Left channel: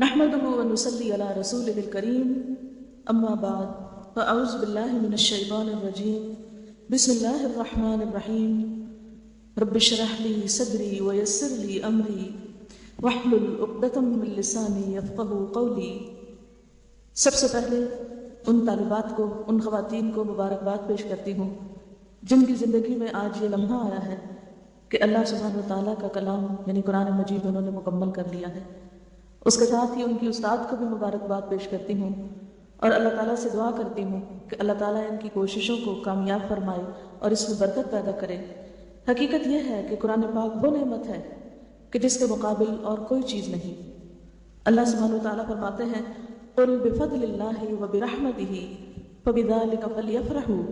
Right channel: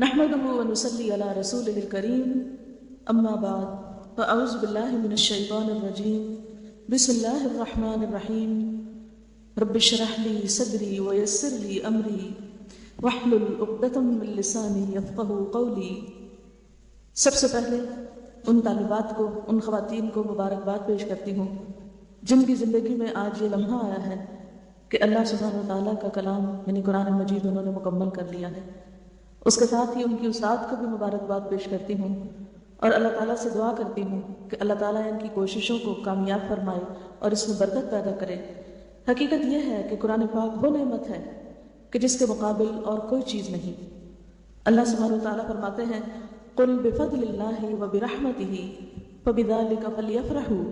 نحمده ونصلي على رسوله الكريم أما بعد فأعوذ بالله من الشيطان الرجيم بسم الله الرحمن الرحيم رب اشرح لي صدري ويسر لي أمري واحلل عقدة من لساني يفقهوا قولي۔ سب سے پہلے ان طالبات کو، ان خواتین کو مبارکباد پیش کرتی ہوں جن کی زندگی میں آج یہ لمحہ آیا ہے کہ اللہ سبحانہ وتعالیٰ کا کلام یعنی قرآن مجید انہوں نے مکمل کر لیا ہے۔ اس کے ساتھ ہی ان کی استاد کو بھی مبارکباد پیش کرتی ہوں اور اللہ تعالیٰ سے دعا کرتی ہوں کہ اللہ تعالیٰ ان کی کوششوں کو کامیاب فرمائے اور اس میں برکت پیدا کرے۔ حقیقت یہ ہے کہ قرآن پاک وہ نعمت ہے کہ جس کے مقابل اور کوئی چیز نہیں۔ اللہ سبحانہ وتعالیٰ فرماتے ہیں قُلْ بِفَضْلِ اللَّهِ وَبِرَحْمَتِهِ فَبِذَلِكَ فَلْيَفْرَحُوا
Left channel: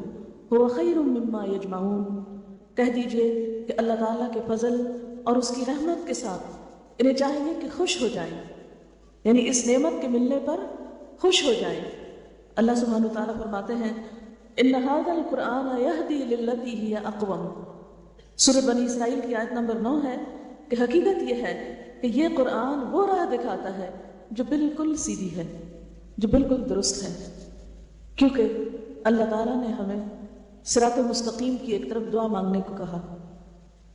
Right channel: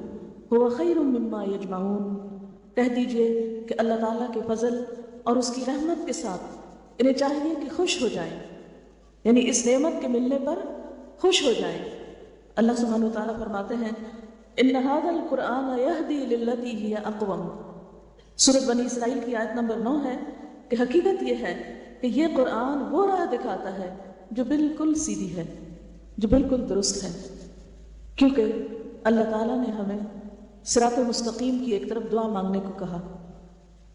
هُوَ خَيْرٌ مِّمَّا يَجْمَعُونَ۔ کہہ دیجئے کہ اللہ تعالیٰ کے فضل اور اس کی رحمت کے ساتھ انہیں چاہیے کہ خوش ہو جائے، یعنی اس نعمت کے ملنے پر خوش ہو جائے۔ اللہ سبحانہ وتعالیٰ فرماتے ہیں إِنَّ هَذَا الْقُرْآنَ يَهْدِي لِلَّتِي هِيَ أَقْوَمُ۔ سورۃ بنی اسرائیل کی آیت نمبر 9 ہے کہ حقیقت یہ ہے کہ یہ قرآن وہ راہ دکھاتا ہے جو بالکل سیدھی ہے، جو بالکل درست ہے، کیونکہ اللہ تعالیٰ نے ہمیں صراط مستقیم کی ایک طرف دعا مانگنے کو کہا۔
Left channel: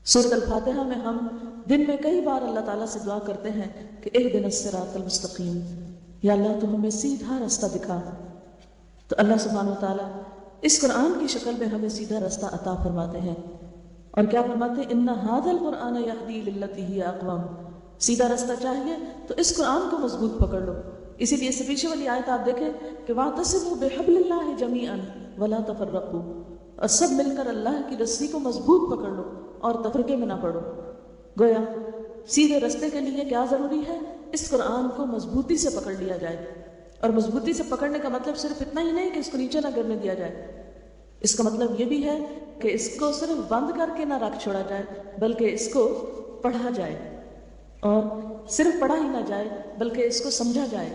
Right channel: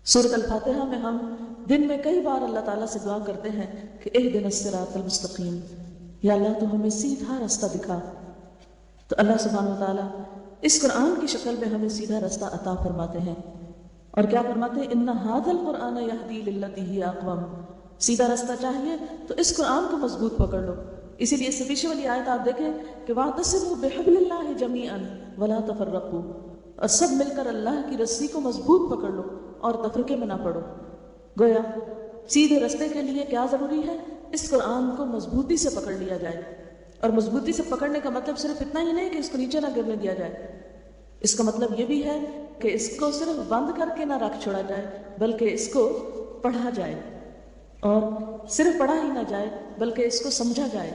سورۃ الفاتحہ میں ہم دن میں کئی بار اللہ تعالیٰ سے دعا کرتے ہیں کہ اہدنا الصراط المستقیم، یا اللہ تو ہمیں سیدھا راستہ دکھا۔ تو اللہ سبحانہ وتعالیٰ اس قرآن کی شکل میں ہمیں سیدھا راستہ عطا فرماتے ہیں، اور کیا فرماتے ہیں ان ھذا القرآن یہدی للتی ہی اقوم۔ سیدھا راستہ چاہیے تو اس قرآن کو مضبوط پکڑ لو۔ اسی لیے اس سے پیچھے والی آیت آپ دیکھیں کہ واعتصموا بحبل اللہ جمیعا ولا تفرقوا، اور سب مل کر اللہ کی رسی کو مضبوط پکڑ لو اور تفرقے میں نہ پڑو۔ گویا سیدھے راستے کے لیے کیا ضروری ہے؟ اس قرآن کو مضبوطی سے پکڑ لیا جائے، اور مضبوطی سے پکڑنے کا مطلب صرف اتنا ہی نہیں کہ اس کو نیچے نہ گرنے دیا جائے، اس کا مطلب یہ بھی ہے کہ اس کو صرف بند کر کے نہ رکھ چھوڑا جائے بلکہ اس کو پڑھا جائے، اور صرف پڑھا ہی نہ جائے بلکہ اس کو سمجھا جائے،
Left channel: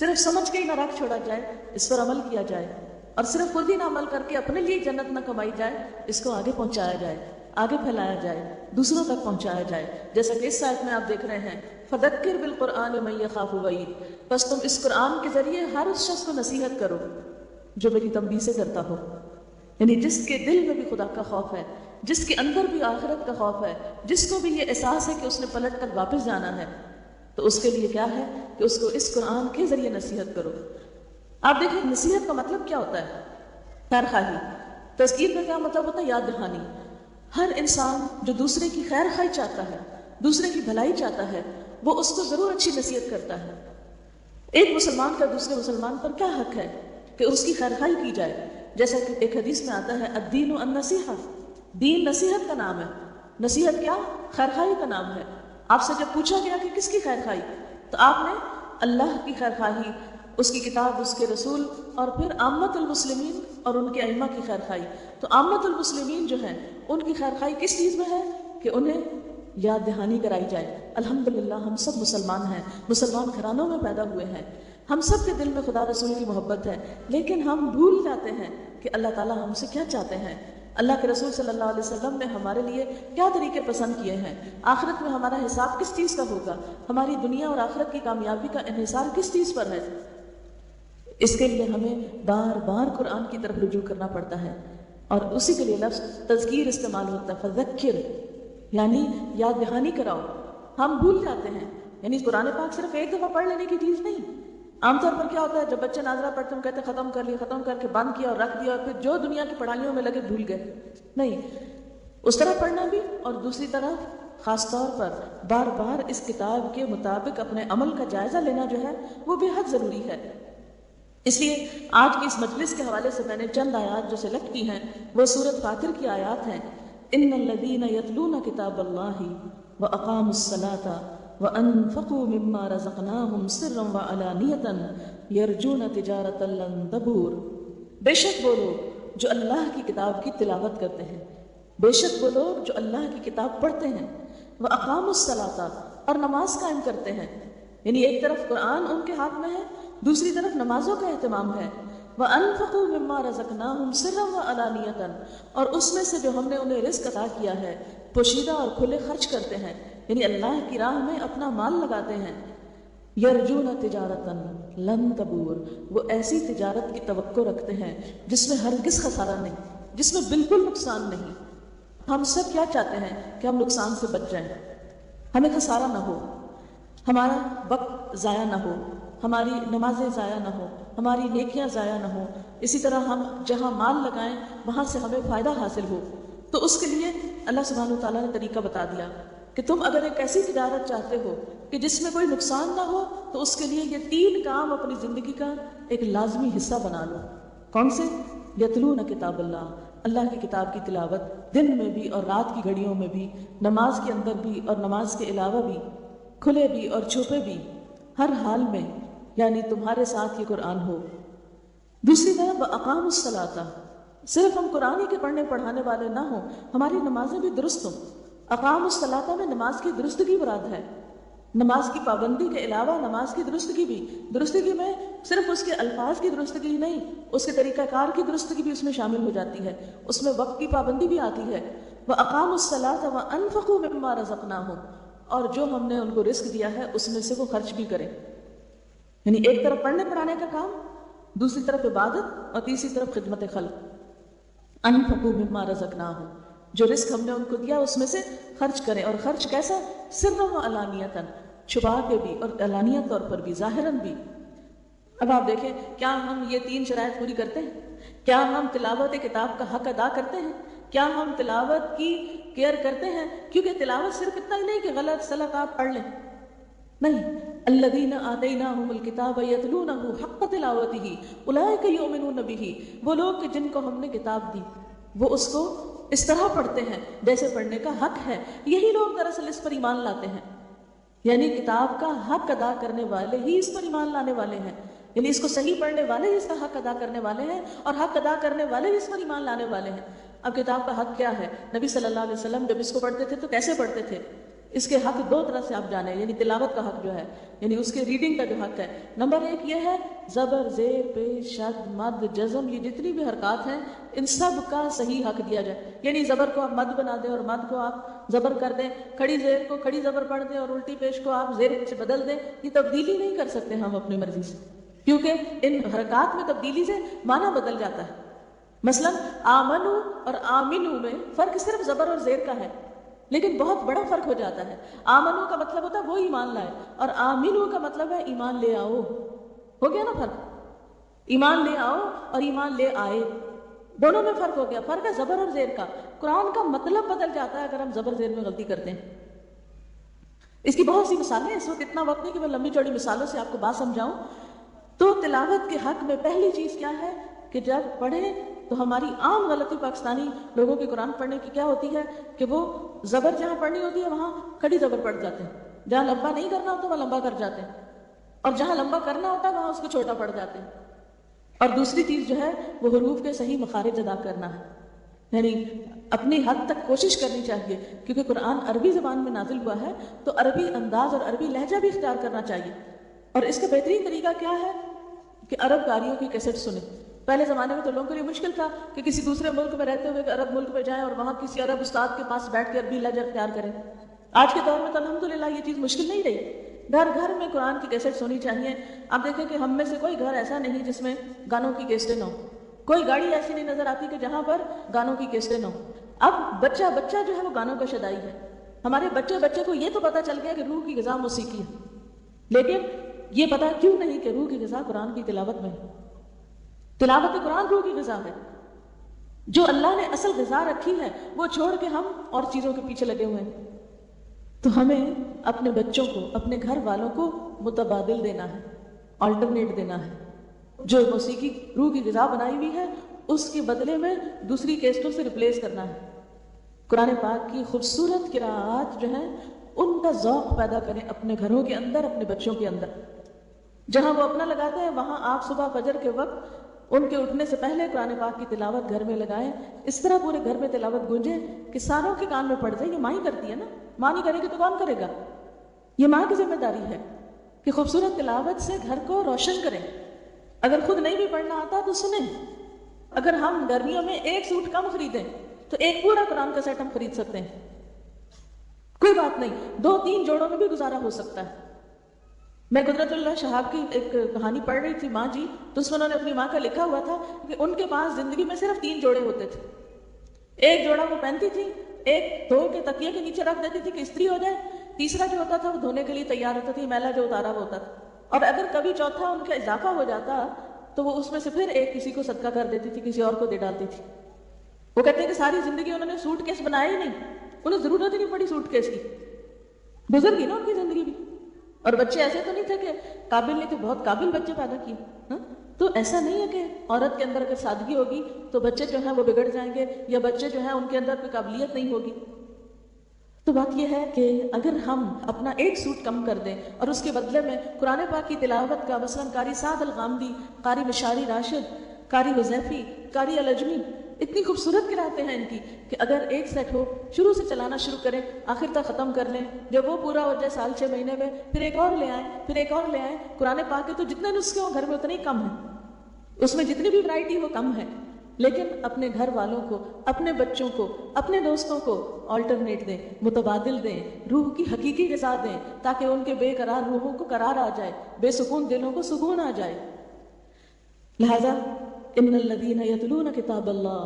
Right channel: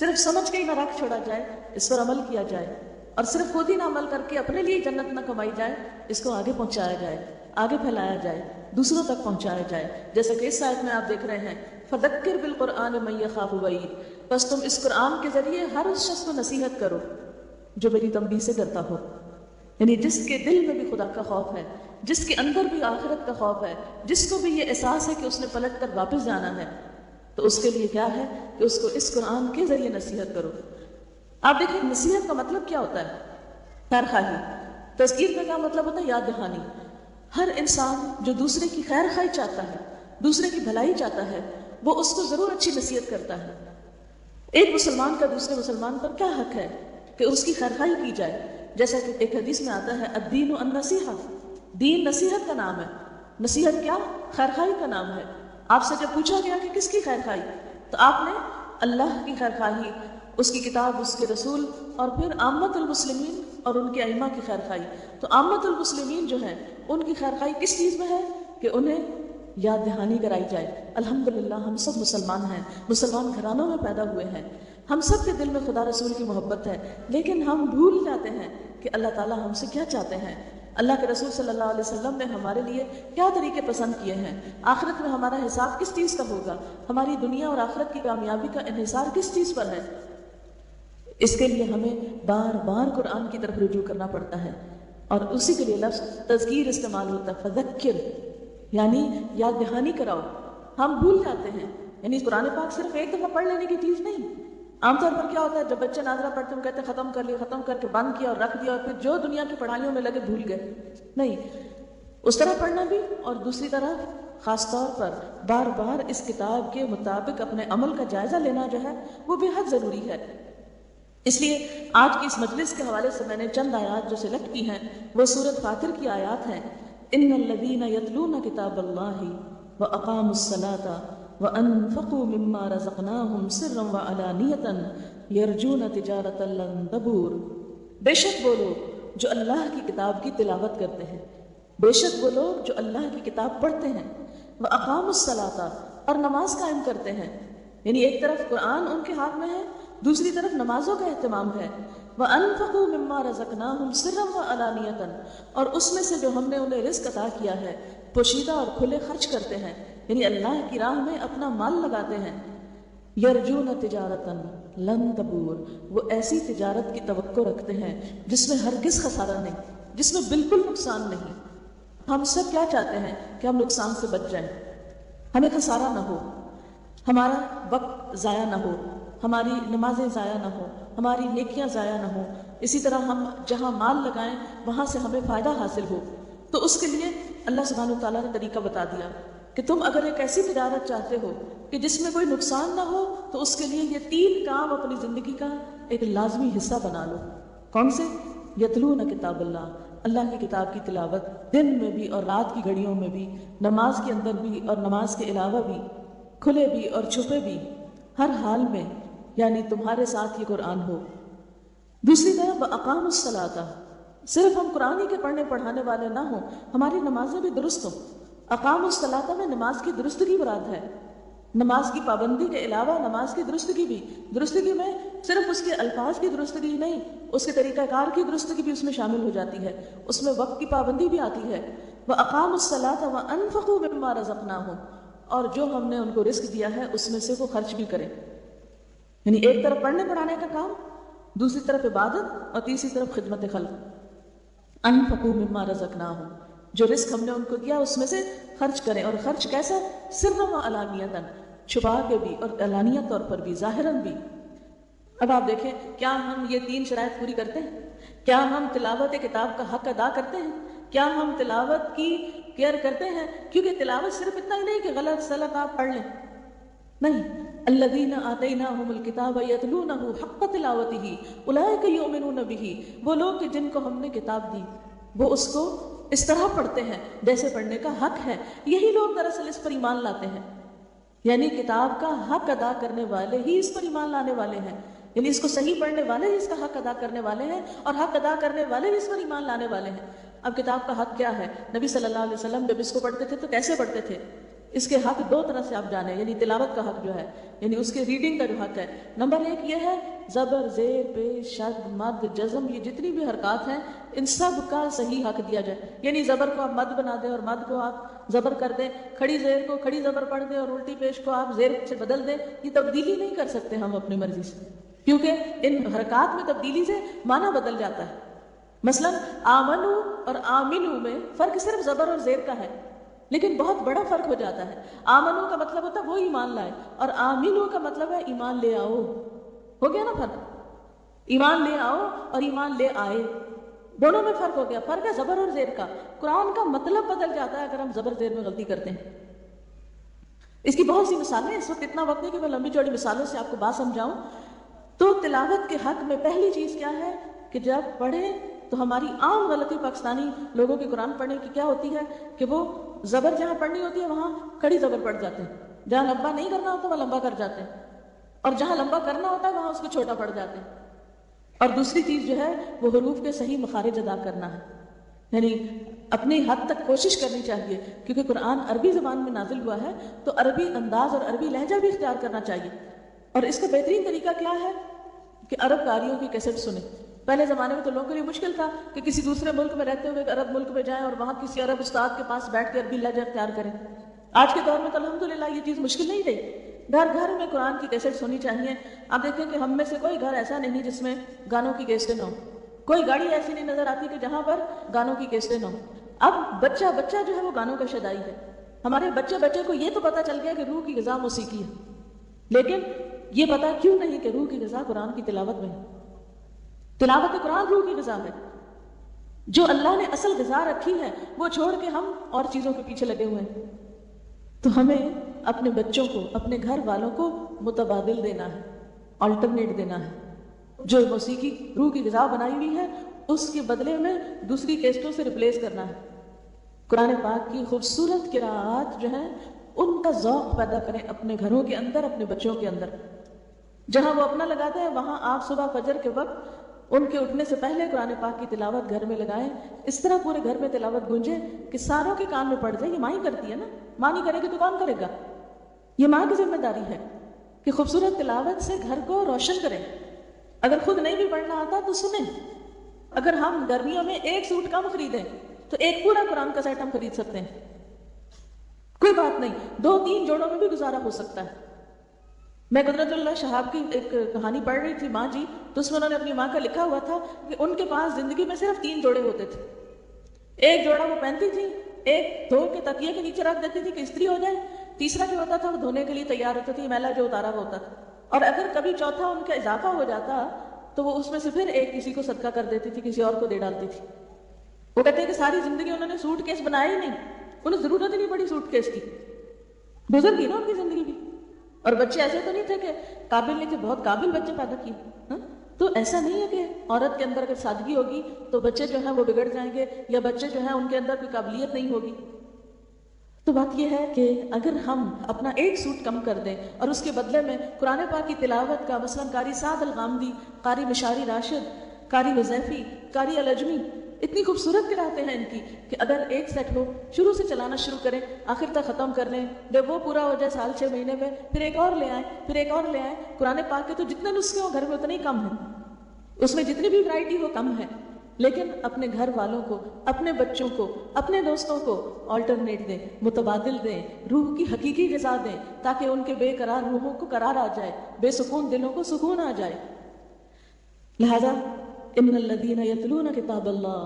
صرف سمجھ کے ہی نہ رکھ چھوڑا جائے، اس پر عمل کیا جائے، اور صرف خود ہی نہ عمل کر کے اپنے لیے جنت نہ کمائی جائے، اس کو آگے پہنچایا جائے، آگے پھیلایا جائے، دوسروں تک پہنچایا جائے۔ جیسے کہ اس آیت میں آپ دیکھ رہے ہیں فَذَكِّرْ بِالْقُرْآنِ مَن يَخَافُ وَعِيدِ، بس تم اس قرآن کے ذریعے ہر اس شخص کو نصیحت کرو جو میری تنبیہ سے ڈرتا ہو، یعنی جس کے دل میں بھی خدا کا خوف ہے، جس کے اندر بھی آخرت کا خوف ہے، جس کو بھی یہ احساس ہے کہ اس نے پلٹ کر واپس جانا ہے، تو اس کے لیے کیا ہے کہ اس کو اس قرآن کے ذریعے نصیحت کرو۔ آپ دیکھیں نصیحت کا مطلب کیا ہوتا ہے؟ خیر خواہی۔ تذکیر کا کیا مطلب ہوتا ہے؟ یاد دہانی۔ ہر انسان جو دوسرے کی خیر خواہی چاہتا ہے، دوسرے کی بھلائی چاہتا ہے، وہ اس کو ضرور اچھی نصیحت کرتا ہے۔ ایک مسلمان کا دوسرے مسلمان پر کیا حق ہے کہ اس کی خیر خواہی کی جائے؟ جیسا کہ ایک حدیث میں آتا ہے الدین النصیحہ، دین نصیحت کا نام ہے۔ نصیحت کیا؟ خیر خواہی کا نام ہے۔ آپ سے جب پوچھا گیا کہ کس کی خیر خواہی، تو آپ نے اللہ کی خیر خواہی، اس کی کتاب، اس کے رسول، اور پھر عامت المسلمین اور ان کے ائمہ کی خیر خواہی۔ تو عامت المسلمین جو ہیں ان کی خیر خواہی کس چیز میں ہے کہ انہیں یاد دہانی کرائی جائے۔ الحمدللہ ہم سب مسلمان ہیں، مسلمان گھرانوں میں پیدا ہوئے ہیں، ہم سب کے دل میں خدا رسول کی محبت ہے، لیکن ہم بھول جاتے ہیں کہ اللہ تعالیٰ ہم سے کیا چاہتے ہیں۔ اللہ کے رسول صلی اللہ علیہ وسلم نے ہمارے لیے کیا طریقے پسند کیے ہیں، آخرت میں ہمارا حساب کس چیز کا ہوگا، ہماری دنیا اور آخرت کی کامیابی کا انحصار کس چیز پر ہے۔ اس کے لیے ہمیں بار بار قرآن کی طرف رجوع کرنا پڑتا ہے، اور اسی کے لیے لفظ تذکیر استعمال ہوتا ہے، فذکر یعنی یاد دہانی کراؤ۔ ہم بھول جاتے ہیں، یعنی قرآن پاک صرف ایک دفعہ پڑھ لینے کی چیز نہیں۔ عام طور پر کیا ہوتا ہے، جب بچے ناظرہ پڑھتے ہیں کہتے ہیں ختم کر لیا، ختم کر کے بند کیا اور رکھ دیا، اور پھر جو دنیا کی پڑھائیوں میں لگے بھول گئے۔ نہیں، اس طرح پڑھنا بھی، اور دوسری طرف خاص طور پر بار بار اس کتاب کے مطابق اپنے عمل کا جائزہ لینا جو ہے وہ بے حد ضروری ہے۔ اس لیے آج کی اس مجلس کے حوالے سے میں نے چند آیات جو سلیکٹ کی ہیں وہ سورۃ فاطر کی آیات ہیں۔ ان الذین یتلون کتاب اللہ واقاموا الصلاۃ وانفقوا مما رزقناہم سرا وعلانیۃ یرجون تجارۃ لن تبور۔ بے شک وہ لوگ جو اللہ کی کتاب کی تلاوت کرتے ہیں، بے شک وہ لوگ جو اللہ کی کتاب پڑھتے ہیں، واقاموا الصلاۃ اور نماز قائم کرتے ہیں، یعنی ایک طرف قرآن ان کے ہاتھ میں ہے، دوسری طرف نمازوں کا اہتمام ہے۔ وَأَنفَقُوا مِمَّا رَزَقْنَاهُمْ سِرًّا وَعَلَانِيَةً، اور اس میں سے جو ہم نے انہیں رزق عطا کیا ہے پوشیدہ اور کھلے خرچ کرتے ہیں، یعنی اللہ کی راہ میں اپنا مال لگاتے ہیں۔ یرجون تجارتا لن تبور، وہ ایسی تجارت کی توقع رکھتے ہیں جس میں ہرگز خسارہ نہیں، جس میں بالکل نقصان نہیں۔ ہم سب کیا چاہتے ہیں کہ ہم نقصان سے بچ جائیں، ہمیں خسارہ نہ ہو، ہمارا وقت ضائع نہ ہو، ہماری نمازیں ضائع نہ ہو، ہماری نیکیاں ضائع نہ ہو، اسی طرح ہم جہاں مال لگائیں وہاں سے ہمیں فائدہ حاصل ہو۔ تو اس کے لیے اللہ سبحانہ وتعالیٰ نے طریقہ بتا دیا کہ تم اگر ایک ایسی تجارت چاہتے ہو کہ جس میں کوئی نقصان نہ ہو تو اس کے لیے یہ 3 کام اپنی زندگی کا ایک لازمی حصہ بنا لو۔ کون سے؟ یتلون کتاب اللہ، اللہ کی کتاب کی تلاوت، دن میں بھی اور رات کی گھڑیوں میں بھی، نماز کے اندر بھی اور نماز کے علاوہ بھی، کھلے بھی اور چھپے بھی، ہر حال میں، یعنی تمہارے ساتھ ہی قرآن ہو۔ دوسری طرف اقام الصلاۃ، صرف ہم قرآن ہی کے پڑھنے پڑھانے والے نہ ہوں، ہماری نمازیں بھی درست ہوں۔ اقام الصلاۃ میں نماز کی درستگی مراد ہے، نماز کی پابندی کے علاوہ نماز کی درستگی بھی، درستگی میں صرف اس کے الفاظ کی درستگی نہیں، اس کے طریقہ کار کی درستگی بھی اس میں شامل ہو جاتی ہے، اس میں وقت کی پابندی بھی آتی ہے۔ وَأَقَامُوا الصَّلَاةَ وَأَنفَقُوا مِمَّا رَزَقْنَاهُمْ، اور جو ہم نے ان کو رزق دیا ہے اس میں سے وہ خرچ بھی کریں، یعنی ایک طرف پڑھنے پڑھانے کا کام، دوسری طرف عبادت، اور تیسری طرف خدمت خلق۔ انفقوا مما رزقناہم، جو رزق ہم نے ان کو دیا اس میں سے خرچ کریں، اور خرچ کیسا؟ سرا و علانیتاً، چھپا کے بھی اور علانیہ طور پر بھی، ظاہراً بھی۔ اب آپ دیکھیں، کیا ہم یہ 3 شرائط پوری کرتے ہیں؟ کیا ہم تلاوت کتاب کا حق ادا کرتے ہیں؟ کیا ہم تلاوت کی کیئر کرتے ہیں؟ کیونکہ تلاوت صرف اتنا ہی نہیں کہ غلط سلط آپ پڑھ لیں، نہیں، الذین آتیناہم الکتاب یتلونہ حق تلاوتہ اولئک یؤمنون بہ، وہ لوگ کہ جن کو ہم نے کتاب دی وہ اس کو اس طرح پڑھتے ہیں جیسے پڑھنے کا حق ہے، یہی لوگ دراصل اس پر ایمان لاتے ہیں، یعنی کتاب کا حق ادا کرنے والے ہی اس پر ایمان لانے والے ہیں، یعنی اس کو صحیح پڑھنے والے ہی اس کا حق ادا کرنے والے ہیں، اور حق ادا کرنے والے ہی اس پر ایمان لانے والے ہیں۔ اب کتاب کا حق کیا ہے؟ نبی صلی اللہ علیہ وسلم جب اس کو پڑھتے تھے تو کیسے پڑھتے تھے؟ اس کے حق 2 طرح سے آپ جانیں، یعنی تلاوت کا حق جو ہے، یعنی اس کی ریڈنگ کا جو حق ہے، نمبر 1 یہ ہے زبر، زیر، پیش، شد، مد، جزم، یہ جتنی بھی حرکات ہیں ان سب کا صحیح حق دیا جائے، یعنی زبر کو آپ مد بنا دیں اور مد کو آپ زبر کر دیں، کھڑی زیر کو کھڑی زبر پڑھ دیں اور الٹی پیش کو آپ زیر سے بدل دیں، یہ تبدیلی نہیں کر سکتے ہم اپنی مرضی سے، کیونکہ ان حرکات میں تبدیلی سے معنی بدل جاتا ہے۔ مثلا آمنو اور آمنو میں فرق صرف زبر اور زیر کا ہے، لیکن بہت بڑا فرق ہو جاتا ہے۔ آمنو کا مطلب ہوتا ہے وہ ایمان لائے، اور آمنو کا مطلب ہے ایمان لے آؤ، ہو گیا نا فرق؟ ایمان لے آؤ اور ایمان لے آئے، دونوں میں فرق ہو گیا، فرق ہے زبر اور زیر کا۔ قرآن کا مطلب بدل جاتا ہے اگر ہم زبر زیر میں غلطی کرتے ہیں۔ اس کی بہت سی مثالیں، اس وقت اتنا وقت نہیں کہ میں لمبی چوڑی مثالوں سے آپ کو بات سمجھاؤں۔ تو تلاوت کے حق میں پہلی چیز کیا ہے کہ جب پڑھیں تو ہماری عام غلطی پاکستانی لوگوں کے قرآن پڑھنے کی کیا ہوتی ہے کہ وہ زبر جہاں پڑھنی ہوتی ہے وہاں کڑی زبر پڑھ جاتے ہیں، جہاں لمبا نہیں کرنا ہوتا وہاں لمبا کر جاتے ہیں، اور جہاں لمبا کرنا ہوتا ہے وہاں اس کو چھوٹا پڑھ جاتے ہیں۔ اور دوسری چیز جو ہے وہ حروف کے صحیح مخارج ادا کرنا ہے، یعنی اپنی حد تک کوشش کرنی چاہیے، کیونکہ قرآن عربی زبان میں نازل ہوا ہے تو عربی انداز اور عربی لہجہ بھی اختیار کرنا چاہیے۔ اور اس کا بہترین طریقہ کیا ہے کہ عرب قاریوں کی کیسٹ سنیں۔ پہلے زمانے میں تو لوگوں کے لیے مشکل تھا کہ کسی دوسرے ملک میں رہتے ہوئے ایک عرب ملک میں جائیں اور وہاں کسی عرب استاد کے پاس بیٹھ کے عربی لہجہ اختیار کریں۔ آج کے دور میں تو الحمدللہ یہ چیز مشکل نہیں رہی، گھر گھر میں قرآن کی کیسٹ سنی چاہیے۔ آپ دیکھیں کہ ہم میں سے کوئی گھر ایسا نہیں جس میں گانوں کی کیسٹیں نہ ہو، کوئی گاڑی ایسی نہیں نظر آتی کہ جہاں پر گانوں کی کیسٹیں نہ ہو۔ اب بچہ بچہ جو ہے وہ گانوں کا شدائی ہے، ہمارے بچے بچے کو یہ تو پتہ چل گیا کہ روح کی غذا موسیقی ہے، لیکن یہ پتا کیوں نہیں کہ روح کی غذا قرآن کی تلاوت میں ہے۔ تلاوت قرآن روح کی غذا ہے، جو اللہ نے اصل غذا رکھی ہے وہ چھوڑ کے ہم اور چیزوں کے پیچھے لگے ہوئے ہیں۔ تو ہمیں اپنے بچوں کو، اپنے گھر والوں کو متبادل دینا ہے، آلٹرنیٹ دینا ہے، جو موسیقی روح کی غذا بنائی ہوئی ہے اس کے بدلے میں دوسری کیسٹوں سے ریپلیس کرنا ہے۔ قرآن پاک کی خوبصورت قراءات جو ہے ان کا ذوق پیدا کریں اپنے گھروں کے اندر، اپنے بچوں کے اندر۔ جہاں وہ اپنا لگاتے ہیں وہاں آپ صبح فجر کے وقت ان کے اٹھنے سے پہلے قرآن پاک کی تلاوت گھر میں لگائیں، اس طرح پورے گھر میں تلاوت گونجے کہ ساروں کے کان میں پڑ جائے۔ یہ ماں ہی کرتی ہے نا، ماں نہیں کرے گی تو کون کرے گا؟ یہ ماں کی ذمہ داری ہے کہ خوبصورت تلاوت سے گھر کو روشن کریں۔ اگر خود نہیں بھی پڑھنا آتا تو سنیں۔ اگر ہم گرمیوں میں ایک سوٹ کم خریدیں تو ایک پورا قرآن کا سیٹ ہم خرید سکتے ہیں، کوئی بات نہیں، 2-3 جوڑوں میں بھی گزارا ہو سکتا ہے۔ میں قدرت اللہ شہاب کی ایک کہانی پڑھ رہی تھی، ماں جی، تو اس میں انہوں نے اپنی ماں کا لکھا ہوا تھا کہ ان کے پاس زندگی میں صرف 3 جوڑے ہوتے تھے. ایک جوڑا وہ پہنتی تھی، ایک دھو کے تکیے کے نیچے رکھ دیتی تھی کہ استری ہو جائے، تیسرا جو ہوتا تھا وہ دھونے کے لیے تیار ہوتا تھا، میلا جو اتارا ہوتا تھا، اور اگر کبھی چوتھا ان کا اضافہ ہو جاتا تو وہ اس میں سے پھر ایک کسی کو صدقہ کر دیتی تھی، کسی اور کو دے ڈالتی تھی. وہ کہتے ہیں کہ ساری زندگی انہوں نے سوٹ کیس بنایا ہی نہیں، انہیں ضرورت ہی نہیں پڑی سوٹ کیس کی، گزر گئی نا ان کی زندگی بھی. اور بچے ایسے تو نہیں تھے کہ قابل نہیں تھے، بہت قابل بچے پیدا کیے. تو ایسا نہیں ہے کہ عورت کے اندر اگر سادگی ہوگی تو بچے جو ہیں وہ بگڑ جائیں گے، یا بچے جو ہیں ان کے اندر کوئی قابلیت نہیں ہوگی. تو بات یہ ہے کہ اگر ہم اپنا ایک سوٹ کم کر دیں اور اس کے بدلے میں قرآن پاک کی تلاوت کا، مثلاً قاری سعد الغامدی، قاری مشاری راشد، قاری حذیفی، قاری العجمی، اتنی خوبصورت قرأتیں ہیں ان کی کہ اگر ایک سیٹ ہو شروع سے چلانا شروع کریں، آخر تک ختم کر لیں، جب وہ پورا ہو جائے سال 6 مہینے میں پھر ایک اور لے آئیں، پھر ایک اور لے آئیں. قرآن پاک کے تو جتنے نسخے ہو گھر میں اتنے ہی کم ہیں، اس میں جتنی بھی ورائٹی ہو کم ہے. لیکن اپنے گھر والوں کو، اپنے بچوں کو، اپنے دوستوں کو آلٹرنیٹ دیں، متبادل دیں، روح کی حقیقی غذا دیں، تاکہ ان کے بے قرار روحوں کو قرار آ جائے، بے سکون دلوں کو سکون آ جائے. لہذا ان الذین یتلون کتاب اللہ،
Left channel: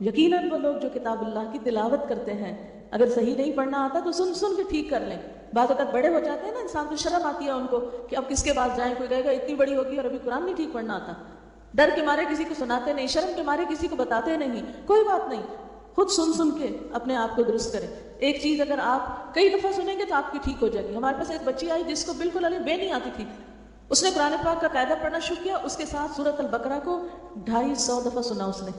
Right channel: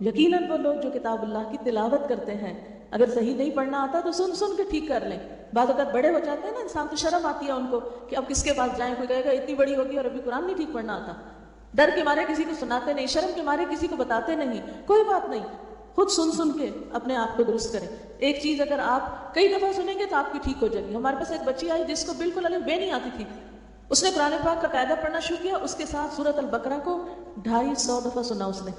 یقیناً وہ لوگ جو کتاب اللہ کی تلاوت کرتے ہیں، اگر صحیح نہیں پڑھنا آتا تو سن سن کے ٹھیک کر لیں. بعض اوقات بڑے ہو جاتے ہیں نا انسان کو شرم آتی ہے ان کو کہ اب کس کے پاس جائیں، کوئی کہے گا اتنی بڑی ہوگی اور ابھی قرآن نہیں ٹھیک پڑھنا آتا. ڈر کے مارے کسی کو سناتے نہیں، شرم کے مارے کسی کو بتاتے نہیں. کوئی بات نہیں، خود سن سن کے اپنے آپ کو درست کریں. ایک چیز اگر آپ کئی دفعہ سنیں گے تو آپ کی ٹھیک ہو جائے گی. ہمارے پاس ایک بچی آئی جس کو بالکل الف بے نہیں آتی تھی، اس نے قرآن پاک کا قاعدہ پڑھنا شروع کیا، اس کے ساتھ سورۃ البقرہ کو 250 دفعہ سنا. اس نے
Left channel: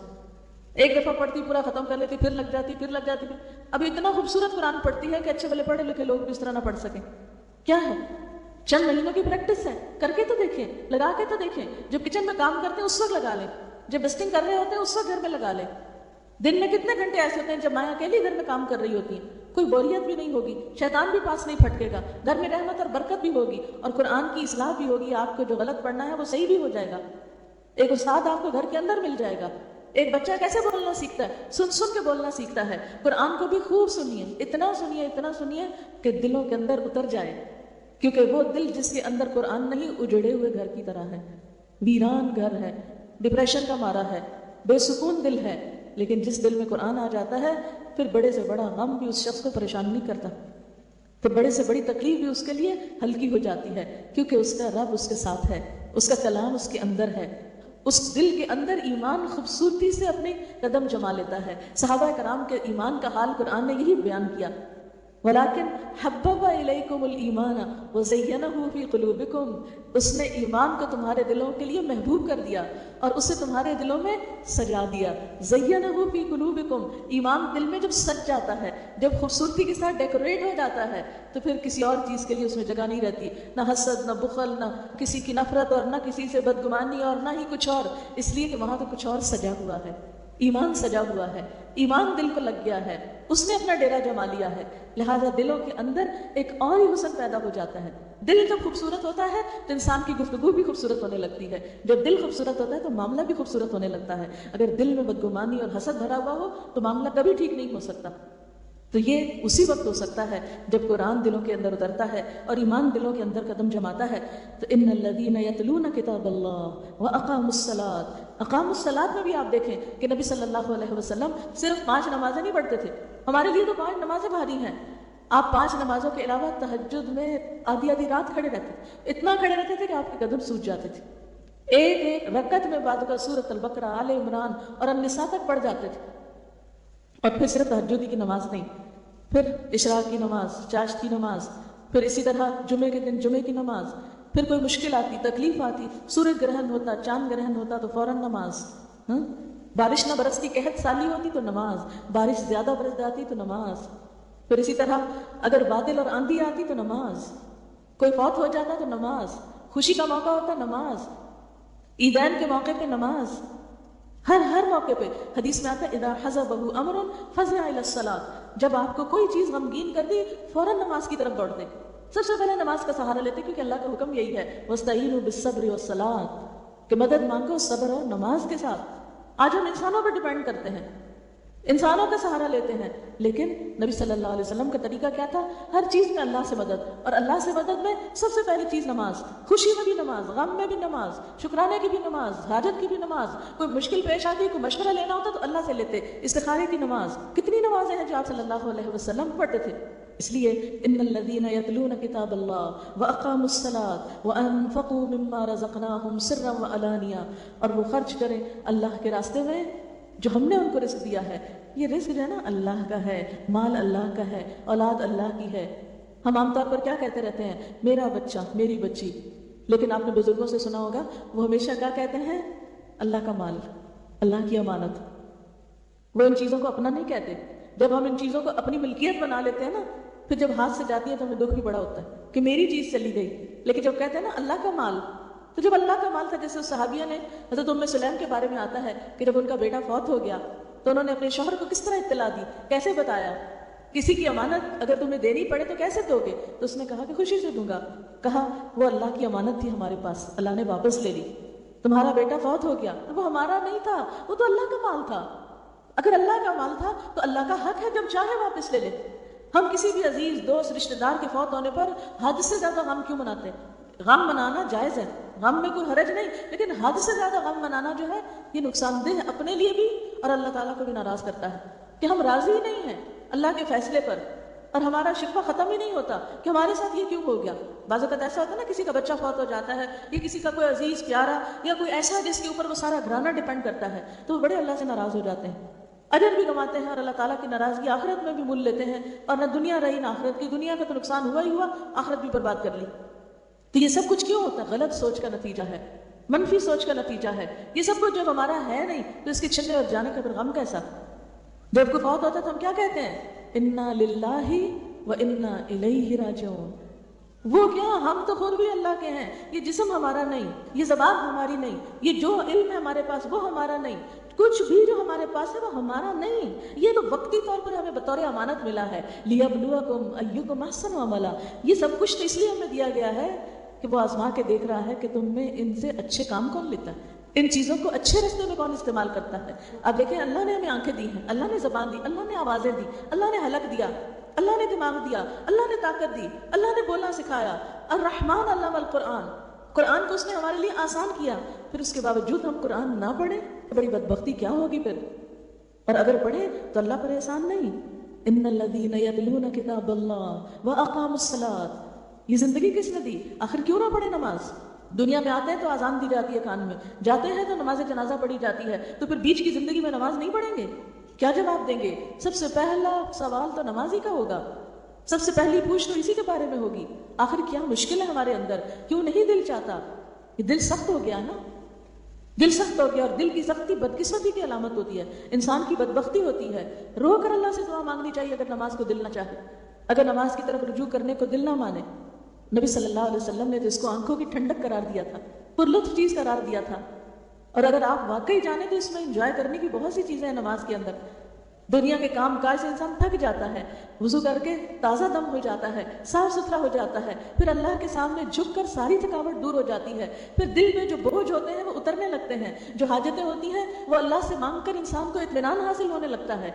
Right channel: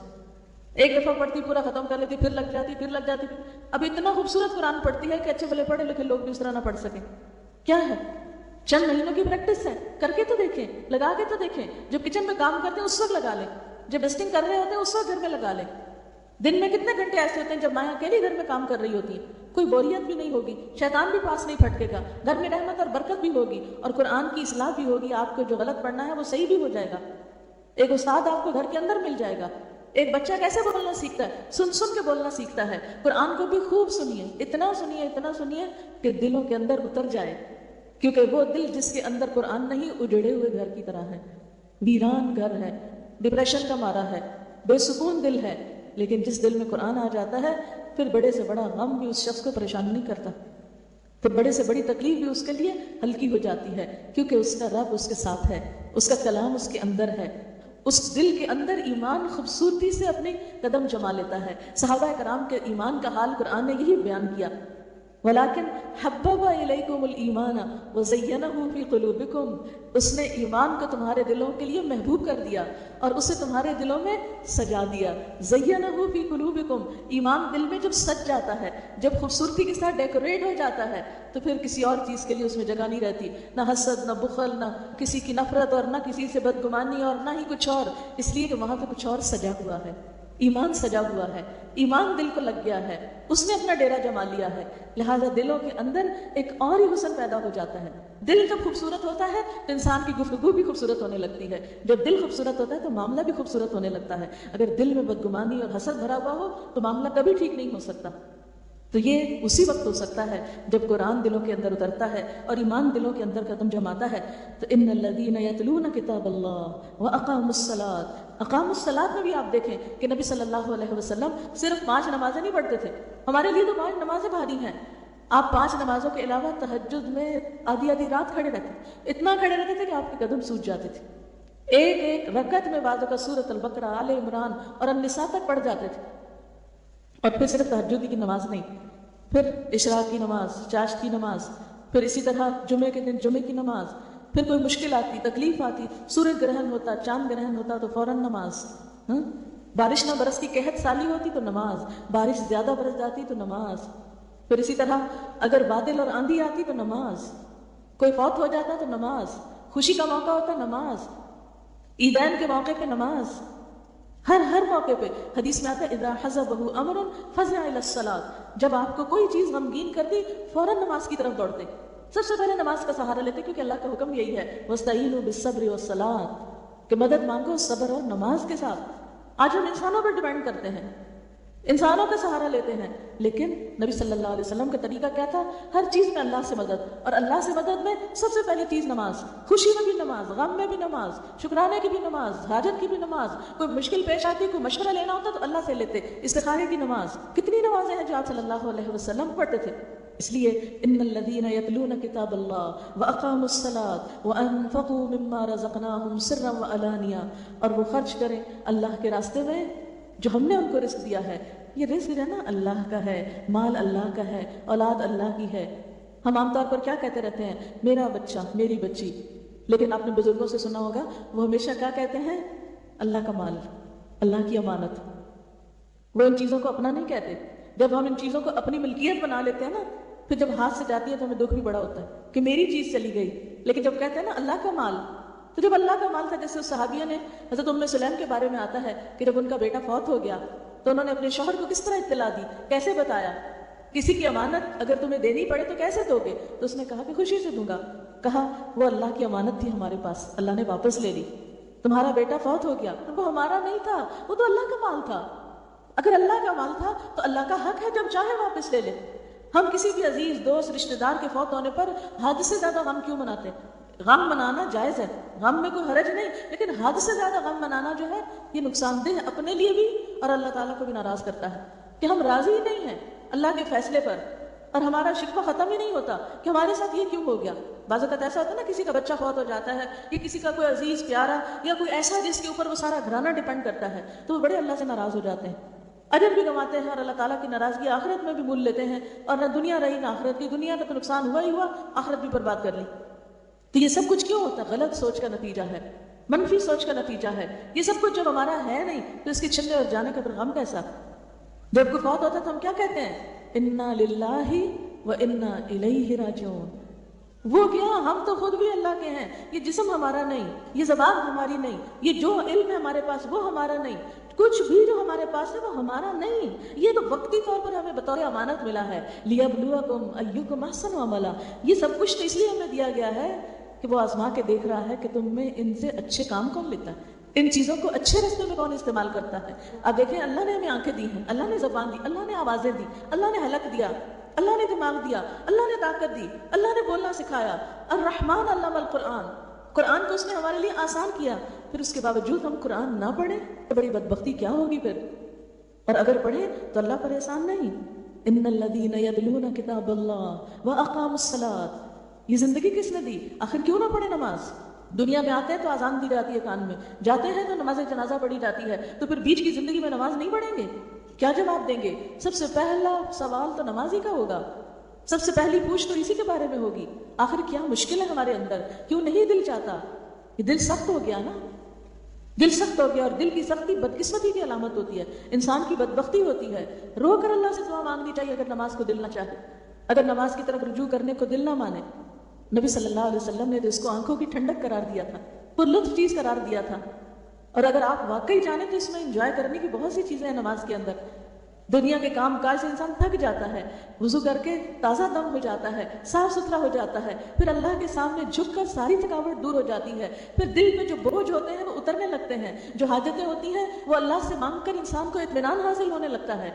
ایک دفعہ پڑھتی پورا ختم کر لیتی، پھر لگ جاتی، پھر لگ جاتی. اب اتنا خوبصورت قرآن پڑھتی ہے کہ اچھے بھلے پڑھے لکھے لوگ بھی اس طرح نہ پڑھ سکیں. کیا ہے؟ چند مہینے کی پریکٹس ہے. کر کے تو دیکھیں، لگا کے تو دیکھیں. جب کچن میں کام کرتے ہیں اس وقت لگا لیں، جب ڈسٹنگ کر رہے ہوتے ہیں اس وقت گھر میں لگا لیں. دن میں کتنے گھنٹے ایسے ہوتے ہیں جب ماں اکیلے گھر میں کام کر رہی ہوتی ہے، کوئی بوریت بھی نہیں ہوگی، شیطان بھی پاس نہیں پھٹکے گا، گھر میں رحمت اور برکت بھی ہوگی، اور قرآن کی اصلاح بھی ہوگی. آپ کو جو غلط پڑھنا ہے وہ صحیح بھی ہو جائے گا. ایک استاد آپ کو گھر کے اندر مل جائے گا. ایک بچہ کیسے بولنا سیکھتا ہے؟ سن سن کے بولنا سیکھتا ہے. قرآن کو بھی خوب سنیے، اتنا سنیے، اتنا سنیے کہ دلوں کے اندر اتر جائے. کیونکہ وہ دل جس کے اندر قرآن نہیں، اجڑے ہوئے گھر کی طرح ہے، ویران گھر ہے، ڈپریشن کا مارا ہے، بے سکون دل ہے. لیکن جس دل میں قرآن آ جاتا ہے پھر بڑے سے بڑا غم بھی اس شخص کو پریشان نہیں کرتا، پھر بڑے سے بڑی تکلیف بھی اس کے لیے ہلکی ہو جاتی ہے، کیونکہ اس کا رب اس کے ساتھ ہے، اس کا کلام اس کے اندر ہے. اس دل کے اندر ایمان خوبصورتی سے اپنے قدم جما لیتا ہے. صحابہ کرام کے ایمان کا حال قرآن نے یہی بیان کیا. ولیکن حبب الیکم الایمان وزینہ فی قلوبکم، اس نے ایمان کو تمہارے دلوں کے لیے محبوب کر دیا اور اسے تمہارے دلوں میں سجا دیا. زینہ فی قلوبکم، ایمان دل میں جب سج جاتا ہے، جب خوبصورتی کے ساتھ ڈیکوریٹ ہو جاتا ہے تو پھر کسی اور چیز کے لیے اس میں جگہ نہیں رہتی، نہ حسد، نہ بخل، نہ کسی کی نفرت، اور نہ کسی سے بدگمانی، اور نہ ہی کچھ اور، اس لیے کہ وہاں تو کچھ اور سجا ہوا ہے. ایمان سجا ہوا ہے، ایمان دل کو لگ گیا ہے، اس نے اپنا ڈیرا جما لیا ہے. لہذا دلوں کے اندر ایک اور ہی حسن پیدا ہو جاتا ہے. دل جب خوبصورت ہوتا ہے تو انسان کی گفتگو بھی خوبصورت ہونے لگتی ہے. جب دل خوبصورت ہوتا ہے تو معاملہ بھی خوبصورت ہونے لگتا ہے. اگر دل میں بدگمانی اور حسد بھرا ہوا ہو تو معاملہ کبھی ٹھیک نہیں ہو سکتا. تو یہ اسی وقت ہو سکتا ہے جب قرآن دلوں کے اندر اترتا ہے اور ایمان دلوں کے اندر قدم جماتا ہے. تو ان الذین یتلون کتاب اللہ واقاموا الصلاۃ، اقاموا الصلاۃ میں بھی آپ دیکھیں کہ نبی صلی اللہ علیہ وسلم صرف 5 نمازیں نہیں پڑھتے تھے. ہمارے لیے تو 5 نمازیں بھاری ہیں. آپ 5 نمازوں کے علاوہ تہجد میں آدھی آدھی رات کھڑے رہتے تھے، اتنا کھڑے رہتے تھے کہ آپ کے قدم سوج جاتے تھے. ایک ایک رکعت میں بعد کا سورۃ البقرہ، آل عمران اور النساء تک پڑھ جاتے تھے. اور پھر صرف تہجد کی نماز نہیں، پھر عشاء کی نماز، چاشت کی نماز، پھر اسی طرح جمعے کے دن جمعے کی نماز. پھر کوئی مشکل آتی، تکلیف آتی، سورج گرہن ہوتا، چاند گرہن ہوتا تو فوراً نماز. بارش نہ برستی، قحط سالی ہوتی تو نماز، بارش زیادہ برس جاتی تو نماز. پھر اسی طرح اگر بادل اور آندھی آتی تو نماز، کوئی فوت ہو جاتا تو نماز، خوشی کا موقع ہوتا نماز، عیدین کے موقع پہ نماز، ہر موقع پہ. حدیث میں آتا ہے اذا حزبہ امر فزع الی الصلاۃ، جب آپ کو کوئی چیز غمگین کر دی فوراً نماز کی طرف بڑھ دی. سب سے پہلے نماز کا سہارا لیتے کیونکہ اللہ کا حکم یہی ہے واستعینوا بالصبر والصلاۃ، کہ مدد مانگو صبر اور نماز کے ساتھ. آج ہم انسانوں پر ڈیپینڈ کرتے ہیں انسانوں کا سہارا لیتے ہیں، لیکن نبی صلی اللہ علیہ وسلم کا طریقہ کیا تھا؟ ہر چیز میں اللہ سے مدد، اور اللہ سے مدد میں سب سے پہلی چیز نماز، خوشی میں بھی نماز، غم میں بھی نماز، شکرانے کی بھی نماز، حاجت کی بھی نماز، کوئی مشکل پیش آتی، کوئی مشورہ لینا ہوتا تو اللہ سے لیتے، استخارے کی نماز، کتنی نمازیں ہیں جو آپ صلی اللہ علیہ وسلم پڑھتے تھے۔ اس لیے ان الذین یتلون کتاب اللہ واقاموا الصلاۃ وانفقوا مما رزقناہم سرا وعلانیہ، اور وہ خرچ کریں اللہ کے راستے میں جو ہم نے ان کو رزق دیا ہے۔ یہ رزق ہے نا اللہ کا ہے، مال اللہ کا ہے، اولاد اللہ کی ہے۔ ہم عام طور پر کیا کہتے رہتے ہیں؟ میرا بچہ، میری بچی، لیکن آپ نے بزرگوں سے سنا ہوگا وہ ہمیشہ کیا کہتے ہیں؟ اللہ کا مال، اللہ کی امانت۔ وہ ان چیزوں کو اپنا نہیں کہتے۔ جب ہم ان چیزوں کو اپنی ملکیت بنا لیتے ہیں نا، پھر جب ہاتھ سے جاتی ہے تو ہمیں دکھ بھی بڑا ہوتا ہے کہ میری چیز چلی گئی۔ لیکن جب کہتے ہیں نا اللہ کا مال، تو جب اللہ کا مال تھا، جیسے صحابیہ نے حضرت ام سلیم کے بارے میں آتا ہے کہ جب ان کا بیٹا فوت ہو گیا تو انہوں نے اپنے شوہر کو کس طرح اطلاع دی، کیسے بتایا؟ کسی کی امانت اگر تمہیں دینی پڑے تو کیسے دو گے؟ تو اس نے کہا کہ خوشی سے دوں گا۔ کہا وہ اللہ کی امانت تھی ہمارے پاس، اللہ نے واپس لینی۔ تمہارا بیٹا فوت ہو گیا، وہ ہمارا نہیں تھا، وہ تو اللہ کا مال تھا۔ اگر اللہ کا مال تھا تو اللہ کا حق ہے جب چاہے واپس لے لے۔ ہم کسی بھی عزیز دوست رشتہ دار کے فوت ہونے پر حد سے زیادہ غم کیوں مناتے ہیں؟ غم منانا جائز ہے، غم میں کوئی حرج نہیں، لیکن حد سے زیادہ غم منانا جو ہے یہ نقصان دہ ہے اپنے لیے بھی، اور اللہ تعالیٰ کو بھی ناراض کرتا ہے کہ ہم راضی نہیں ہیں اللہ کے فیصلے پر، اور ہمارا شکوہ ختم ہی نہیں ہوتا کہ ہمارے ساتھ یہ کیوں ہو گیا۔ بعض اوقات ایسا ہوتا ہے نا، کسی کا بچہ فوت ہو جاتا ہے یا کسی کا کوئی عزیز پیارا یا کوئی ایسا جس کے اوپر وہ سارا گھرانہ ڈپینڈ کرتا ہے، تو وہ بڑے اللہ سے ناراض ہو جاتے ہیں، اجر بھی گنواتے ہیں، اور اللہ تعالیٰ کی ناراضگی آخرت میں بھی مول لیتے ہیں، اور نہ دنیا رہی نہ آخرت کی۔ دنیا کا تو نقصان ہوا ہی ہوا، آخرت بھی برباد کر لی۔ تو یہ سب کچھ کیوں ہوتا؟ غلط سوچ کا نتیجہ ہے، منفی سوچ کا نتیجہ ہے۔ یہ سب کچھ جب ہمارا ہے نہیں تو اس کے چھلنے اور جانے کا پھر غم کیسا؟ جب کوئی فوت ہوتا تو ہم کیا کہتے ہیں؟ انا للہ و انا الیہ راجعون۔ وہ کیا، ہم تو خود بھی اللہ کے ہیں، یہ جسم ہمارا نہیں، یہ زبان ہماری نہیں، یہ جو علم ہے ہمارے پاس وہ ہمارا نہیں، کچھ بھی جو ہمارے پاس ہے وہ ہمارا نہیں، یہ تو وقتی طور پر ہمیں بطور امانت ملا ہے۔ لیبلوکم ایکم احسن عملا، یہ سب کچھ اس لیے ہمیں دیا گیا ہے کہ وہ آزما کے دیکھ رہا ہے کہ تم میں ان سے اچھے کام کون لیتا ہے، ان چیزوں کو اچھے راستے میں کون استعمال کرتا ہے۔ اب دیکھیں، اللہ نے ہمیں آنکھیں دی، اللہ نے زبان دی، اللہ نے آوازیں دی، اللہ نے حلق دیا، اللہ نے دماغ دیا، اللہ نے طاقت دی، اللہ نے بولنا سکھایا۔ الرحمن علم القرآن، قرآن کو اس نے ہمارے لیے آسان کیا، پھر اس کے باوجود ہم قرآن نہ پڑھیں تو بڑی بدبختی کیا ہوگی پھر۔ اور اگر پڑھیں تو اللہ پر احسان نہیں۔ ان الذین یتلون کتاب اللہ واقاموا الصلاۃ، یہ زندگی کس نے دی؟ آخر کیوں نہ پڑھے نماز؟ دنیا میں آتے ہیں تو اذان دی جاتی ہے کان میں، جاتے ہیں تو نماز جنازہ پڑھی جاتی ہے، تو پھر بیچ کی زندگی میں نماز نہیں پڑھیں گے؟ کیا جواب دیں گے؟ سب سے پہلا سوال تو نماز ہی کا ہوگا، سب سے پہلی پوچھ تو اسی کے بارے میں ہوگی۔ آخر کیا مشکل ہے ہمارے اندر؟ کیوں نہیں دل چاہتا؟ یہ دل سخت ہو گیا نا، دل سخت ہو گیا، اور دل کی سختی بدقسمتی کی علامت ہوتی ہے، انسان کی بدبختی ہوتی ہے۔ رو کر اللہ سے دعا مانگنی چاہیے اگر نماز کو دل نہ چاہے، اگر نماز کی طرف رجوع کرنے کو دل نہ مانے۔ نبی صلی اللہ علیہ وسلم نے تو اس کو آنکھوں کی ٹھنڈک قرار دیا تھا، پرلطف چیز قرار دیا تھا۔ اور اگر آپ واقعی جانیں تو اس میں انجوائے کرنے کی بہت سی چیزیں ہیں نماز کے اندر۔ دنیا کے کام کاج سے انسان تھک جاتا ہے، وضو کر کے تازہ دم ہو جاتا ہے، صاف ستھرا ہو جاتا ہے، پھر اللہ کے سامنے جھک کر ساری تھکاوٹ دور ہو جاتی ہے، پھر دل میں جو بوجھ ہوتے ہیں وہ اترنے لگتے ہیں، جو حاجتیں ہوتی ہیں وہ اللہ سے مانگ کر انسان کو اطمینان حاصل ہونے لگتا ہے۔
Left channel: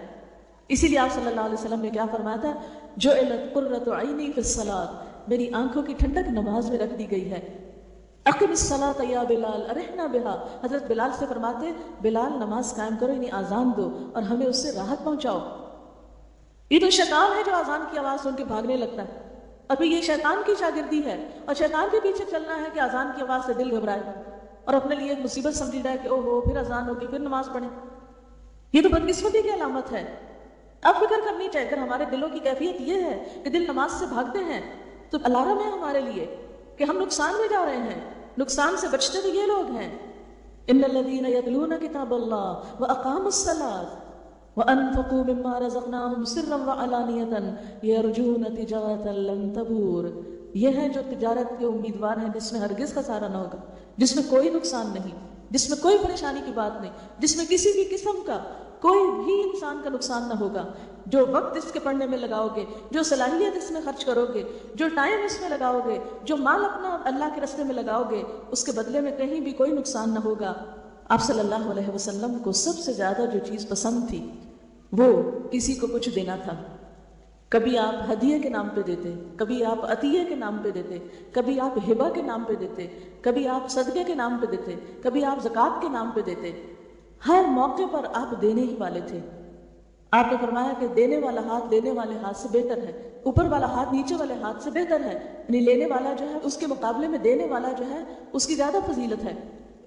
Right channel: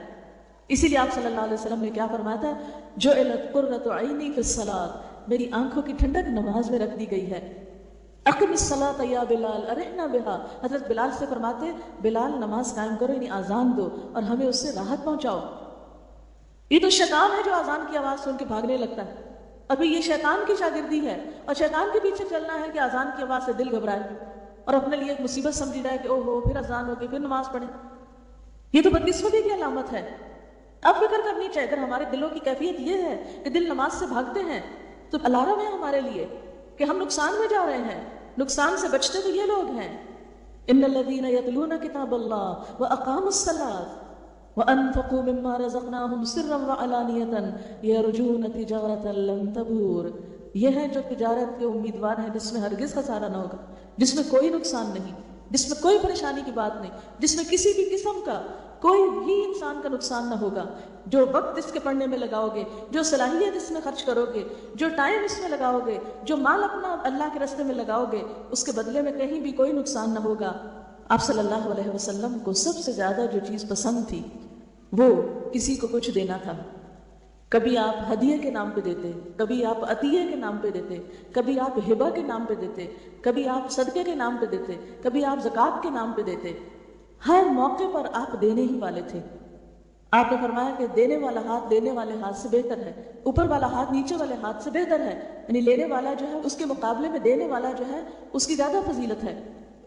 اسی لیے آپ صلی اللہ علیہ وسلم نے کیا فرمایا تھا؟ جعلت قرۃ عینی فی الصلاۃ، میری آنکھوں کی ٹھنڈک نماز میں رکھ دی گئی ہے۔ اقم الصلاۃ یا بلال ارحنا بہا، حضرت بلال سے فرماتے بلال نماز قائم کرو، یعنی آزان دو اور ہمیں اس سے راحت پہنچاؤ۔ یہ تو شیطان ہے جو آزان کی آواز سن کے بھاگنے لگتا ہے، ابھی یہ شیطان کی شاگردی ہے، اور شیطان کے پیچھے چلنا ہے کہ آزان کی آواز سے دل گھبرائے اور اپنے لیے ایک مصیبت سمجھی جائے کہ او ہو پھر آزان ہوگی پھر نماز پڑھیں۔ یہ تو بدقسمتی کی علامت ہے۔ اب فکر کرنی چاہیے، اگر ہمارے دلوں کی کیفیت یہ ہے کہ دل نماز سے بھاگتے ہیں تو الارم ہے ہمارے لیے کہ ہم نقصان میں جا رہے ہیں۔ نقصان سے بچتے بھی یہ لوگ ہیں۔ ان الذین یتلون کتاب اللہ واقاموا الصلاۃ وانفقوا مما رزقناہم سرا وعلانیۃ یرجون تجارۃ لن تبور، یہ ہے جو تجارت کے امیدوار ہے جس میں ہرگز خسارہ نہ ہوگا، جس میں کوئی نقصان نہیں، جس میں کوئی پریشانی کی بات نہیں، جس میں کسی بھی قسم کا کوئی بھی انسان کا نقصان نہ ہوگا۔ جو وقت اس کے پڑھنے میں لگاؤ گے، جو صلاحیت اس میں خرچ کرو گے، جو ٹائم اس میں لگاؤ گے، جو مال اپنا اللہ کے راستے میں لگاؤ گے، اس کے بدلے میں کہیں بھی کوئی نقصان نہ ہوگا۔ آپ صلی اللہ علیہ وسلم کو سب سے زیادہ جو چیز پسند تھی وہ کسی کو کچھ دینا تھا، کبھی آپ ہدیے کے نام پہ دیتے، کبھی آپ عطیے کے نام پہ دیتے، کبھی آپ ہبہ کے نام پہ دیتے، کبھی آپ صدقے کے نام پہ دیتے، کبھی آپ زکوٰۃ کے نام پہ دیتے. ہر موقع پر آپ دینے ہی والے تھے. آپ نے فرمایا کہ دینے والا ہاتھ دینے والے ہاتھ سے بہتر ہے، اوپر والا ہاتھ نیچے والے ہاتھ سے بہتر ہے. یعنی لینے والا جو ہے اس کے مقابلے میں دینے والا جو ہے اس کی زیادہ فضیلت ہے.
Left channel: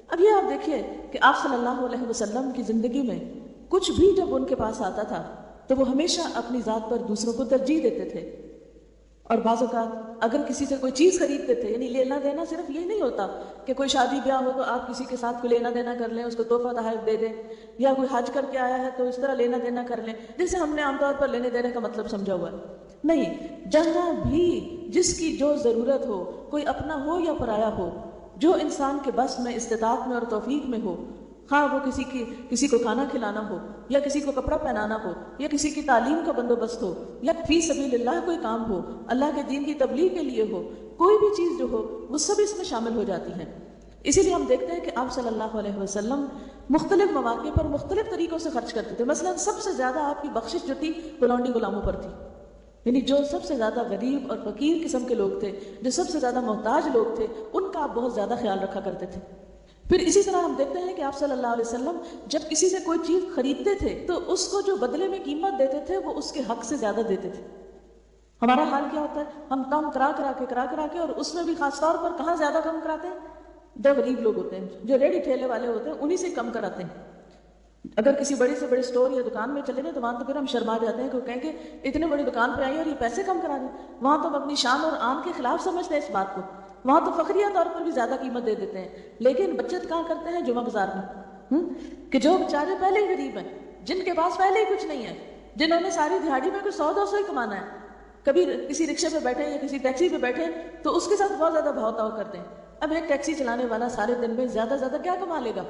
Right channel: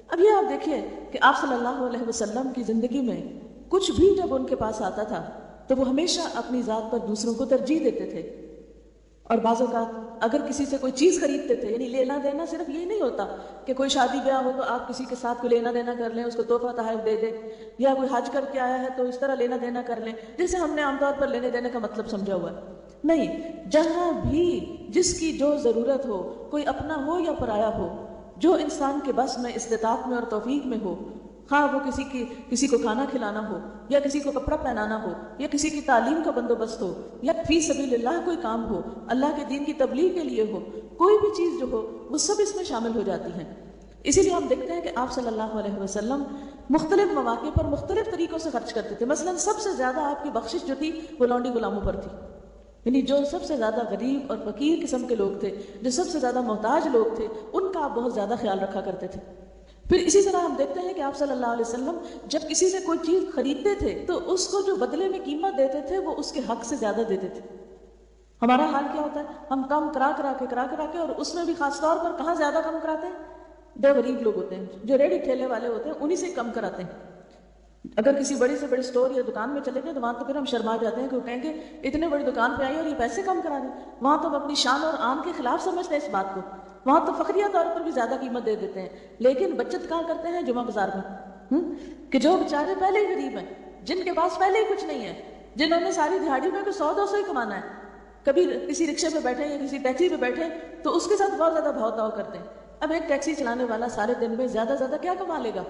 اب یہ آپ دیکھیے کہ آپ صلی اللہ علیہ وسلم کی زندگی میں کچھ بھی جب ان کے پاس آتا تھا تو وہ ہمیشہ اپنی ذات پر دوسروں کو ترجیح دیتے تھے. اور بعض اوقات اگر کسی سے کوئی چیز خریدتے تھے، یعنی لینا دینا صرف یہ نہیں ہوتا کہ کوئی شادی بیاہ ہو تو آپ کسی کے ساتھ کوئی لینا دینا کر لیں، اس کو تحفہ تحائف دے دیں، یا کوئی حج کر کے آیا ہے تو اس طرح لینا دینا کر لیں جیسے ہم نے عام طور پر لینے دینے کا مطلب سمجھا ہوا ہے. نہیں، جہاں بھی جس کی جو ضرورت ہو، کوئی اپنا ہو یا پرایا ہو، جو انسان کے بس میں، استطاعت میں اور توفیق میں ہو، خواہ وہ کسی کو کھانا کھلانا ہو، یا کسی کو کپڑا پہنانا ہو، یا کسی کی تعلیم کا بندوبست ہو، یا فی سبیل اللہ کوئی کام ہو، اللہ کے دین کی تبلیغ کے لیے ہو، کوئی بھی چیز جو ہو وہ سب اس میں شامل ہو جاتی ہے. اسی لیے ہم دیکھتے ہیں کہ آپ صلی اللہ علیہ وسلم مختلف مواقع پر مختلف طریقوں سے خرچ کرتے تھے. مثلا سب سے زیادہ آپ کی بخشش جو تھی وہ لونڈی غلاموں پر تھی. یعنی جو سب سے زیادہ غریب اور فقیر قسم کے لوگ تھے، جو سب سے زیادہ محتاج لوگ تھے، ان کا آپ بہت زیادہ خیال رکھا کرتے تھے. پھر اسی طرح آپ دیکھتے ہیں کہ آپ صلی اللہ علیہ وسلم جب کسی سے کوئی چیز خریدتے تھے تو اس کو جو بدلے میں قیمت دیتے تھے وہ اس کے حق سے زیادہ دیتے تھے. ہمارا حال کیا ہوتا ہے؟ ہم کم کرا کے اور اس میں بھی خاص طور پر کہاں زیادہ کم کراتے ہیں؟ جو غریب لوگ ہوتے ہیں، جو ریڑھی ٹھیلے والے ہوتے ہیں، انہی سے کم کراتے ہیں. اگر کسی بڑی سے بڑے اسٹور یا دکان میں چلے گئے تو وہاں تو پھر ہم شرما جاتے ہیں کہ وہ کہیں گے اتنے بڑی دکان پہ آئی اور یہ پیسے کم کرا دیں. وہاں تو ہم اپنی شان اور آن کے خلاف سمجھتے ہیں اس بات کو، وہاں تو فخریہ طور پر بھی زیادہ قیمت دے دیتے ہیں. لیکن بچت کہاں کرتے ہیں؟ جمعہ بازار میں. کہ جو بیچارے پہلے ہی غریب ہیں، جن کے پاس پہلے ہی کچھ نہیں ہے، جنہوں نے ساری دیہڑی میں کو 100-200 ہی کمانا ہے، کبھی کسی رکشے پہ بیٹھے یا کسی ٹیکسی پہ بیٹھے تو اس کے ساتھ بہت زیادہ بہت تاؤ کرتے ہیں. اب ایک ٹیکسی چلانے والا سارے دن میں زیادہ زیادہ کیا کما لے گا؟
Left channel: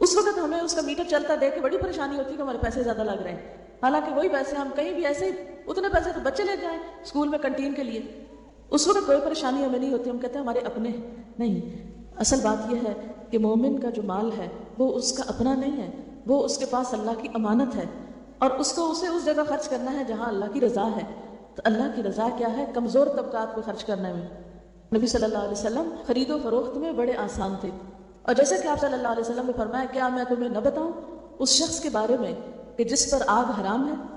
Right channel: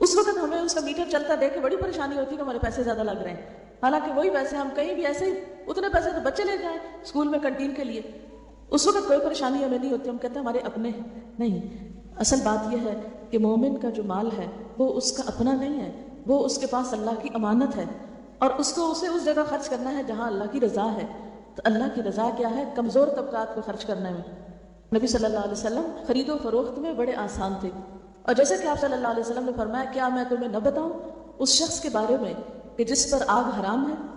اس وقت ہمیں اس کا میٹر چلتا دیکھ کے بڑی پریشانی ہوتی ہے کہ ہمارے پیسے زیادہ لگ رہے ہیں، حالانکہ وہی پیسے ہم کہیں بھی ایسے اتنے پیسے تو بچے لیتے ہیں اسکول میں کنٹین کے لیے. اس وقت کوئی پریشانی ہمیں نہیں ہوتی، ہم کہتے ہیں ہمارے اپنے ہیں. نہیں، اصل بات یہ ہے کہ مومن کا جو مال ہے وہ اس کا اپنا نہیں ہے، وہ اس کے پاس اللہ کی امانت ہے، اور اس کو اسے اس جگہ خرچ کرنا ہے جہاں اللہ کی رضا ہے. تو اللہ کی رضا کیا ہے؟ کمزور طبقات کو خرچ کرنے میں. نبی صلی اللہ علیہ وسلم خرید و فروخت میں بڑے آسان تھے. اور جیسے کہ آپ صلی اللہ علیہ وسلم نے فرمایا، کیا میں تمہیں نہ بتاؤں اس شخص کے بارے میں کہ جس پر آگ حرام ہے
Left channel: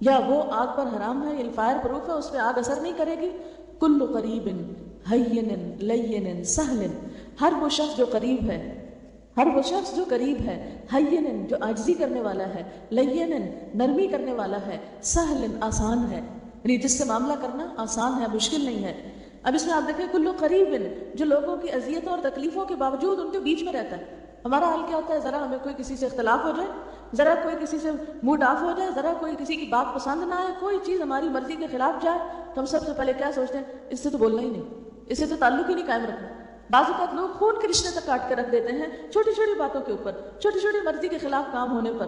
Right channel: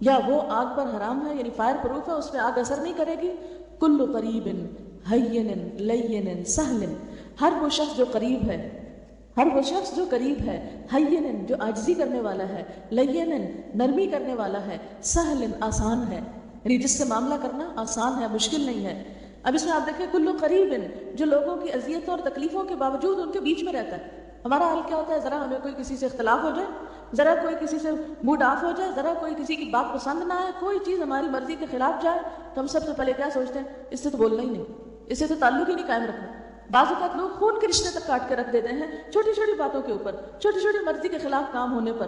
یا وہ آگ پر حرام ہے، یعنی فائر پروف ہے، اس پہ آگ اثر نہیں کرے گی. کل قریب ہین لین سہل، ہر وہ شخص جو قریب ہے، ہر وہ شخص جو قریب ہے، ہین جو عاجزی کرنے والا ہے، لین نرمی کرنے والا ہے، سہل آسان ہے، یعنی جس سے معاملہ کرنا آسان ہے، مشکل نہیں ہے. اب اس میں آپ دیکھیں کلو قریب جو لوگوں کی اذیتوں اور تکلیفوں کے باوجود ان کے بیچ میں رہتا ہے. ہمارا حال کیا ہوتا ہے؟ ذرا ہمیں کوئی کسی سے اختلاف ہو جائے، ذرا کوئی کسی سے موڈ آف ہو جائے، ذرا کوئی کسی کی بات پسند نہ آئے، کوئی چیز ہماری مرضی کے خلاف جائے تو ہم سب سے پہلے کیا سوچتے ہیں؟ اس سے تو بولنا ہی نہیں، اس سے تو تعلق ہی نہیں قائم رکھنا. بعض اوقات لوگ خون کے رشتے تک کاٹ کے رکھ دیتے ہیں چھوٹی چھوٹی باتوں کے اوپر، چھوٹی چھوٹی مرضی کے خلاف کام ہونے پر.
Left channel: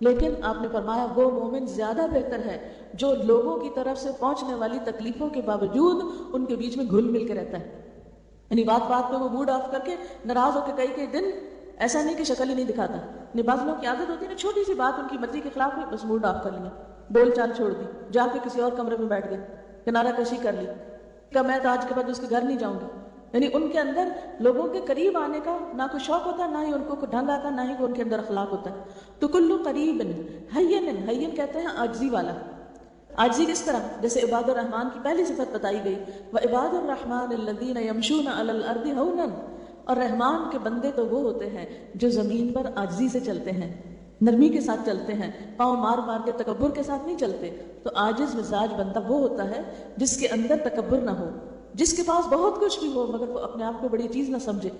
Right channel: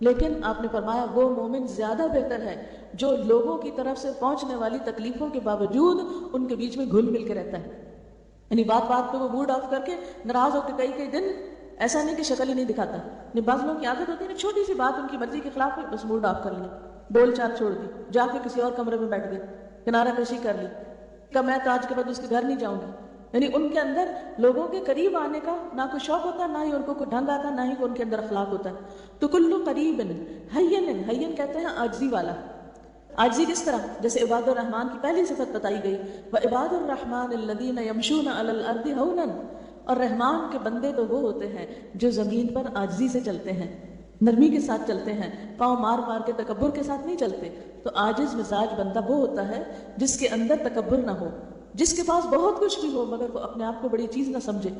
لیکن آپ نے فرمایا وہ مومن زیادہ بہتر ہے جو لوگوں کی طرف سے پہنچنے والی تکلیفوں کے باوجود ان کے بیچ میں گھل مل کے رہتا ہے. یعنی بات بات پہ وہ موڈ آف کر کے ناراض ہو کے کئی دن ایسا نہیں کہ شکل ہی نہیں دکھاتا. بعض لوگوں کی عادت ہوتی ہے چھوٹی سی بات ان کی مرضی کے خلاف ہوئی بس موڈ آف کر لیا، بول چال چھوڑ دی، جا کے کسی اور کمرے میں بیٹھ گئے، کنارہ کشی کر لی کہ میں تو آج کے بعد اس کے گھر نہیں جاؤں گی. یعنی ان کے اندر لوگوں کے قریب آنے کا نہ کوئی شوق ہوتا، نہ ہی ان کو کوئی ڈھنگ آتا، نہ ہی ان کے اندر اخلاق ہوتا. تو کلو قریب ہین کہتے ہیں عاجزی والا. عاجزی کس طرح؟ جیسے عباد الرحمن کی پہلی صفت بتائی گئی، وعباد الرحمن الذین یمشون علی الارض ہونا، اور رحمان کے بندے تو وہ ہوتے ہیں جو زمین پر عاجزی سے چلتے ہیں، نرمی کے ساتھ چلتے ہیں، پاؤں مار مار کے تکبر کے ساتھ نہیں چلتے. تو عاجز مزاج بندہ وہ ہوتا ہے جس کے اندر تکبر نہ ہو، جس کے پاس بہت کچھ بھی ہو مگر وہ اپنے آپ کو بڑی چیز نہ سمجھے.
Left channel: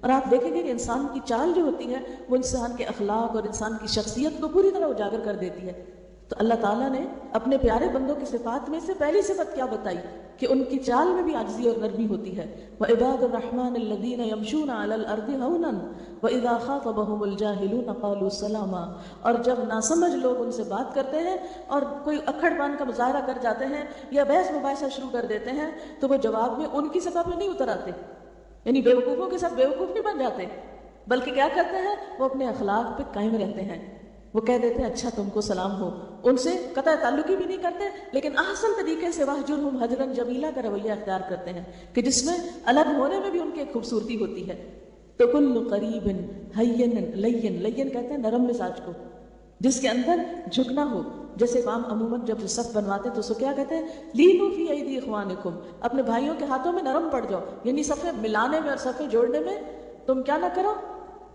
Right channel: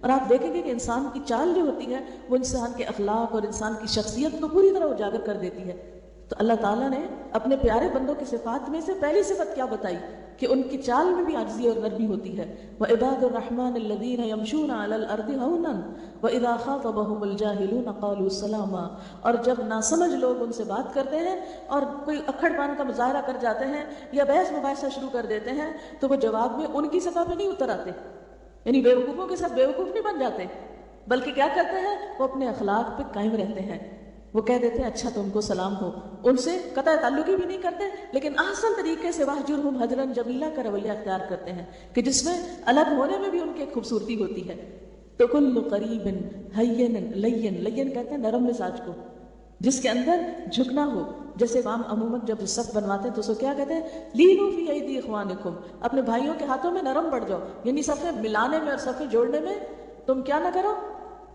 اور آپ دیکھیں گے کہ انسان کی چال جو ہوتی ہے وہ انسان کے اخلاق اور انسان کی شخصیت کو پوری طرح اجاگر کر دیتی ہے. تو اللہ تعالیٰ نے اپنے پیارے بندوں کی صفات میں سے پہلی صفت کیا بتائی کہ ان کی چال میں بھی عاجزی اور نرمی ہوتی ہے. وعباد الرحمن الذین یمشون علی الارض ہونا واذا خاطبهم الجاہلون قالوا سلاما، اور جب ناسمجھ لوگ ان سے بات کرتے ہیں اور کوئی اکھڑ مان کا مظاہرہ کر جاتے ہیں یا بحث مباحثہ شروع کر دیتے ہیں تو وہ جواب میں ان کی سطح پہ نہیں اتر آتے، یعنی بیوقوفوں کے ساتھ بیوقوف نہیں بن جاتے، بلکہ کیا کرتے ہیں؟ وہ اپنے اخلاق پہ قائم رہتے ہیں. وہ کہہ دیتے ہیں اچھا تم کو سلام ہو، ان سے قطع تعلقی بھی نہیں کرتے، لیکن احسن طریقے سے واہجرہم ہجرا جمیلا کا رویہ اختیار کرتے ہیں کہ جس میں الگ ہونے میں بھی ان کی ایک خوبصورتی ہوتی ہے۔ تو کل قریب ہین لین، لین کہتے ہیں نرم مزاج کو، جس کے اندر جھکنا ہو۔ جیسے امام عموماً جب صف بنواتے ہیں تو اس کو کیا کہتے ہیں، لینو فی ایدی اخوانکم، اپنے بھائیوں کے ہاتھوں میں نرم پڑ جاؤ، یعنی صفیں ملانے میں اور صفیں جوڑنے میں تم کیا نہ کرو،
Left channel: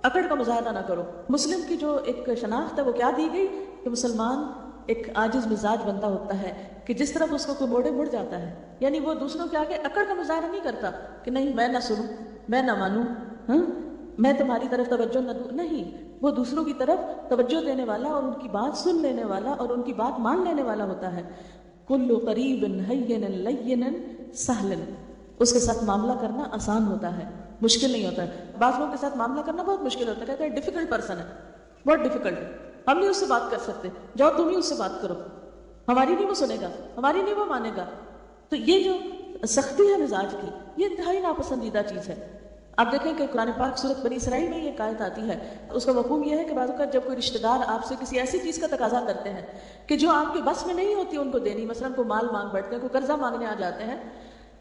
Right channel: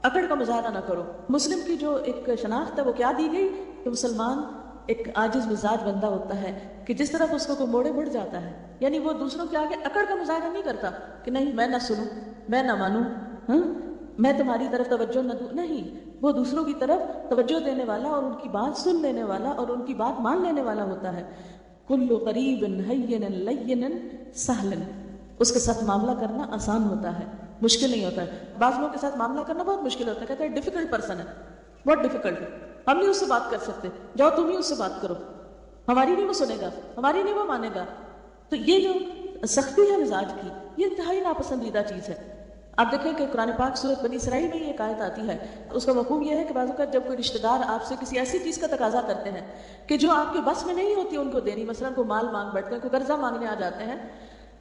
اکڑ کا مظاہرہ نہ کرو۔ مسلم کی جو ایک شناخت ہے وہ کیا دی گئی کہ مسلمان ایک عاجز مزاج بندہ ہوتا ہے کہ جس طرف اس کو کوئی موڑے مڑ جاتا ہے، یعنی وہ دوسروں کے آگے اکڑ کا مظاہرہ نہیں کرتا کہ نہیں میں نہ سنوں، میں نہ مانوں، ہاں میں تمہاری طرف توجہ نہ دوں، نہیں، وہ دوسروں کی طرف توجہ دینے والا اور ان کی بات سن لینے والا اور ان کی بات مان لینے والا ہوتا ہے۔ کل قریب ہین لین سہلا، اس کے ساتھ معاملہ کرنا آسان ہوتا ہے، مشکل نہیں ہوتا ہے۔ بعض لوگوں کے ساتھ معاملہ کرنا بہت مشکل ہوتا ہے، کہتے ہیں ڈیفیکلٹ پرسن ہے، بہت ڈیفیکلٹ ہے، ہم نہیں اس سے بات کر سکتے، جاؤ تم ہی اس سے بات کرو، ہماری نہیں وہ سنے گا، ہماری نہیں وہ مانے گا۔ تو یہ جو سختی ہے مزاج کی، یہ انتہائی ناپسندیدہ چیز ہے۔ آپ دیکھیں کہ قرآن پاک سورۃ بنی اسرائیل میں یہ ایک آیت آتی ہے، اس کا مفہوم یہ ہے کہ بعض اوقات جب کوئی رشتہ دار آپ سے کسی ایسی چیز کا تقاضا کرتے ہیں کہ جو آپ کے بس میں نہیں ہوتی ان کو دینی، مثلاً کوئی مال مانگ بیٹھتے ہیں، کوئی قرضہ مانگنے آ جاتے ہیں،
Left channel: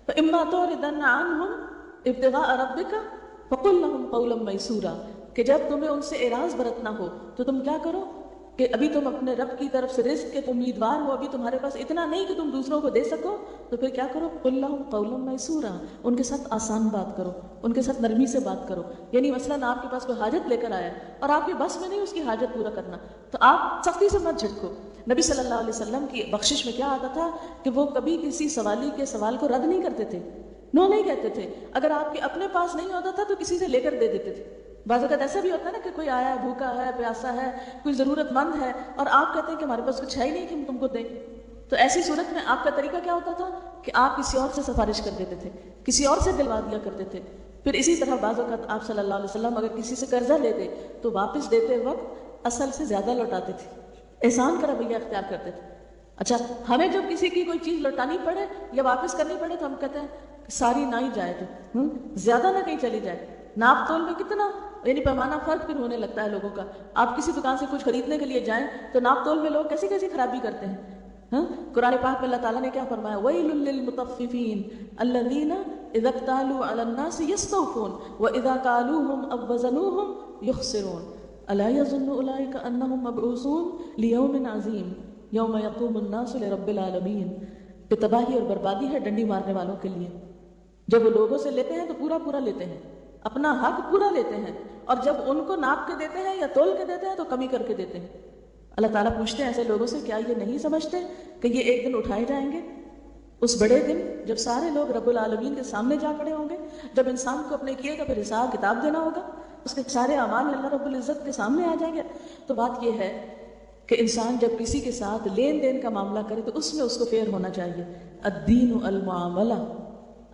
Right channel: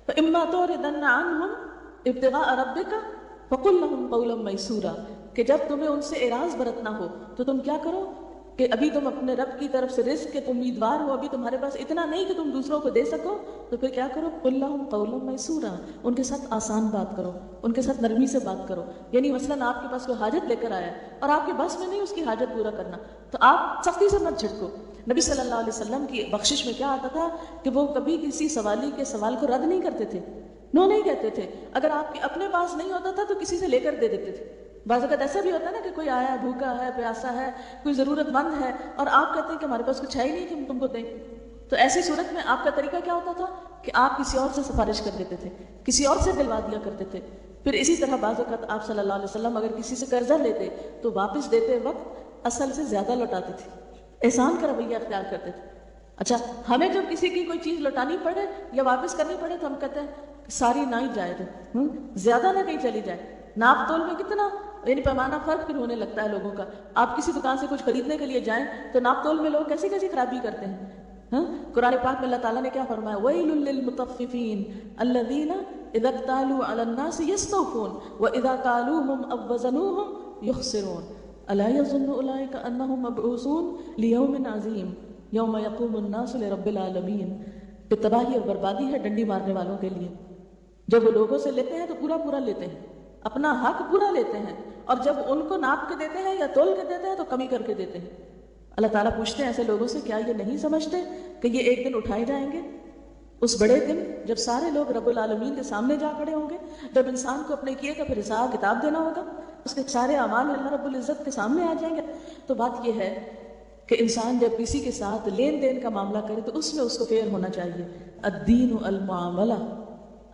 فَإِمَّا تُعْرِضَنَّ عَنْهُمْ ابْتِغَاءَ رَبِّكَ فَقُلْ لَهُمْ قَوْلًا مَيْسُورًا، کہ جب تمہیں ان سے اعراض برتنا ہو تو تم کیا کرو کہ ابھی تم اپنے رب کی طرف سے رزق کے تم امیدوار ہو، ابھی تمہارے پاس اتنا نہیں کہ تم دوسروں کو دے سکو، تو پھر کیا کرو، قُلْ لَهُمْ قَوْلًا مَيْسُورًا، ان کے ساتھ آسان بات کرو، ان کے ساتھ نرمی سے بات کرو۔ یعنی مثلاً آپ کے پاس کوئی حاجت لے کر آیا اور آپ کے بس میں نہیں اس کی حاجت پورا کرنا، تو آپ سختی سے مت جھٹکو۔ نبی صلی اللہ علیہ وسلم کی بخشش میں کیا آتا تھا کہ وہ کبھی کسی سوالی کے سوال کو رد نہیں کرتے تھے، نو نہیں کہتے تھے۔ اگر آپ کے اپنے پاس نہیں ہوتا تھا تو کسی سے لے کر دے دیتے تھے۔ بعض اوقات ایسا بھی ہوتا ہے نا کہ کوئی آیا بھوکا ہے، پیاسا ہے، کوئی ضرورت مند ہے، اور آپ کہتے ہیں کہ ہمارے پاس کچھ ہے ہی نہیں کہ ہم تم کو دیں، تو ایسی صورت میں آپ کا طریقہ کیا ہوتا تھا کہ آپ کسی اور سے سفارش کر دیتے تھے، کسی اور سے دلوا دیا کرتے تھے۔ پھر اسی طرح بعض اوقات آپ صلی اللہ علیہ وسلم اگر کسی سے قرضہ لیتے تو واپس دیتے وقت اصل سے زیادہ لوٹاتے تھے، احسان کا رویہ اختیار کرتے تھے۔ اچھا، ہمیں جب کسی کی کوئی چیز لوٹانی پڑے یا واپس کرنی پڑے تو ہم کہتے ہیں کہ ساری نہ ہی جائے، زیادہ نہ کہیں چلی جائے۔ ناپ تول میں کتنا یعنی پیمانہ فرق پھر ہونے لگتا ہے لوگوں کا۔ آپ کسی دکان سے کچھ خریدنے کے لیے جائیں تو ناپ تول میں لوگ کیسی کیسی خرابی کرتے ہیں۔ قرآن پاک میں اللہ تعالیٰ نے کیا فرمایا، وَيْلٌ لِّلْمُطَفِّفِينَ الَّذِينَ إِذَا اكْتَالُوا عَلَى النَّاسِ يَسْتَوْفُونَ وَإِذَا كَالُوهُمْ أَوْ وَّزَنُوهُمْ يُخْسِرُونَ أَلَا يَظُنُّ أُولَٰئِكَ أَنَّهُمْ مَبْعُوثُونَ لِيَوْمٍ عَظِيمٍ يَوْمَ يَقُومُ النَّاسُ لِرَبِّ الْعَالَمِينَ۔ کہ تباہی اور بربادی ہے ڈنڈی مارنے والوں کے لیے، جب وہ لوگوں سے لیتے ہیں تو پورا پورا لیتے ہیں، اپنا حق پورا لیتے ہیں، اور جب ان کو ناپ کے دیتے ہیں یا تول کے دیتے ہیں تو کمی کر کے دیتے ہیں۔ اللہ تعالیٰ پوچھتے ہیں ایسے لوگوں سے، کیا یہ نہیں سمجھتے کہ یہ ایک دن اٹھائے جائیں گے، اس بڑے دن جب سارے لوگ رب العالمین کے سامنے جا پڑے ہوں گے، جب انسان کو اپنے کیے کا پھر حساب کتاب دینا ہوگا، اس کے سارے اعمال اللہ رب العزت کے سامنے آ جائیں گے۔ تو بات یہ ہے کہ انسان جب کسی کے ساتھ لین دین کا معاملہ کرے تو اس میں اس کو فیئر ہونا چاہیے۔ الدین المعاملہ،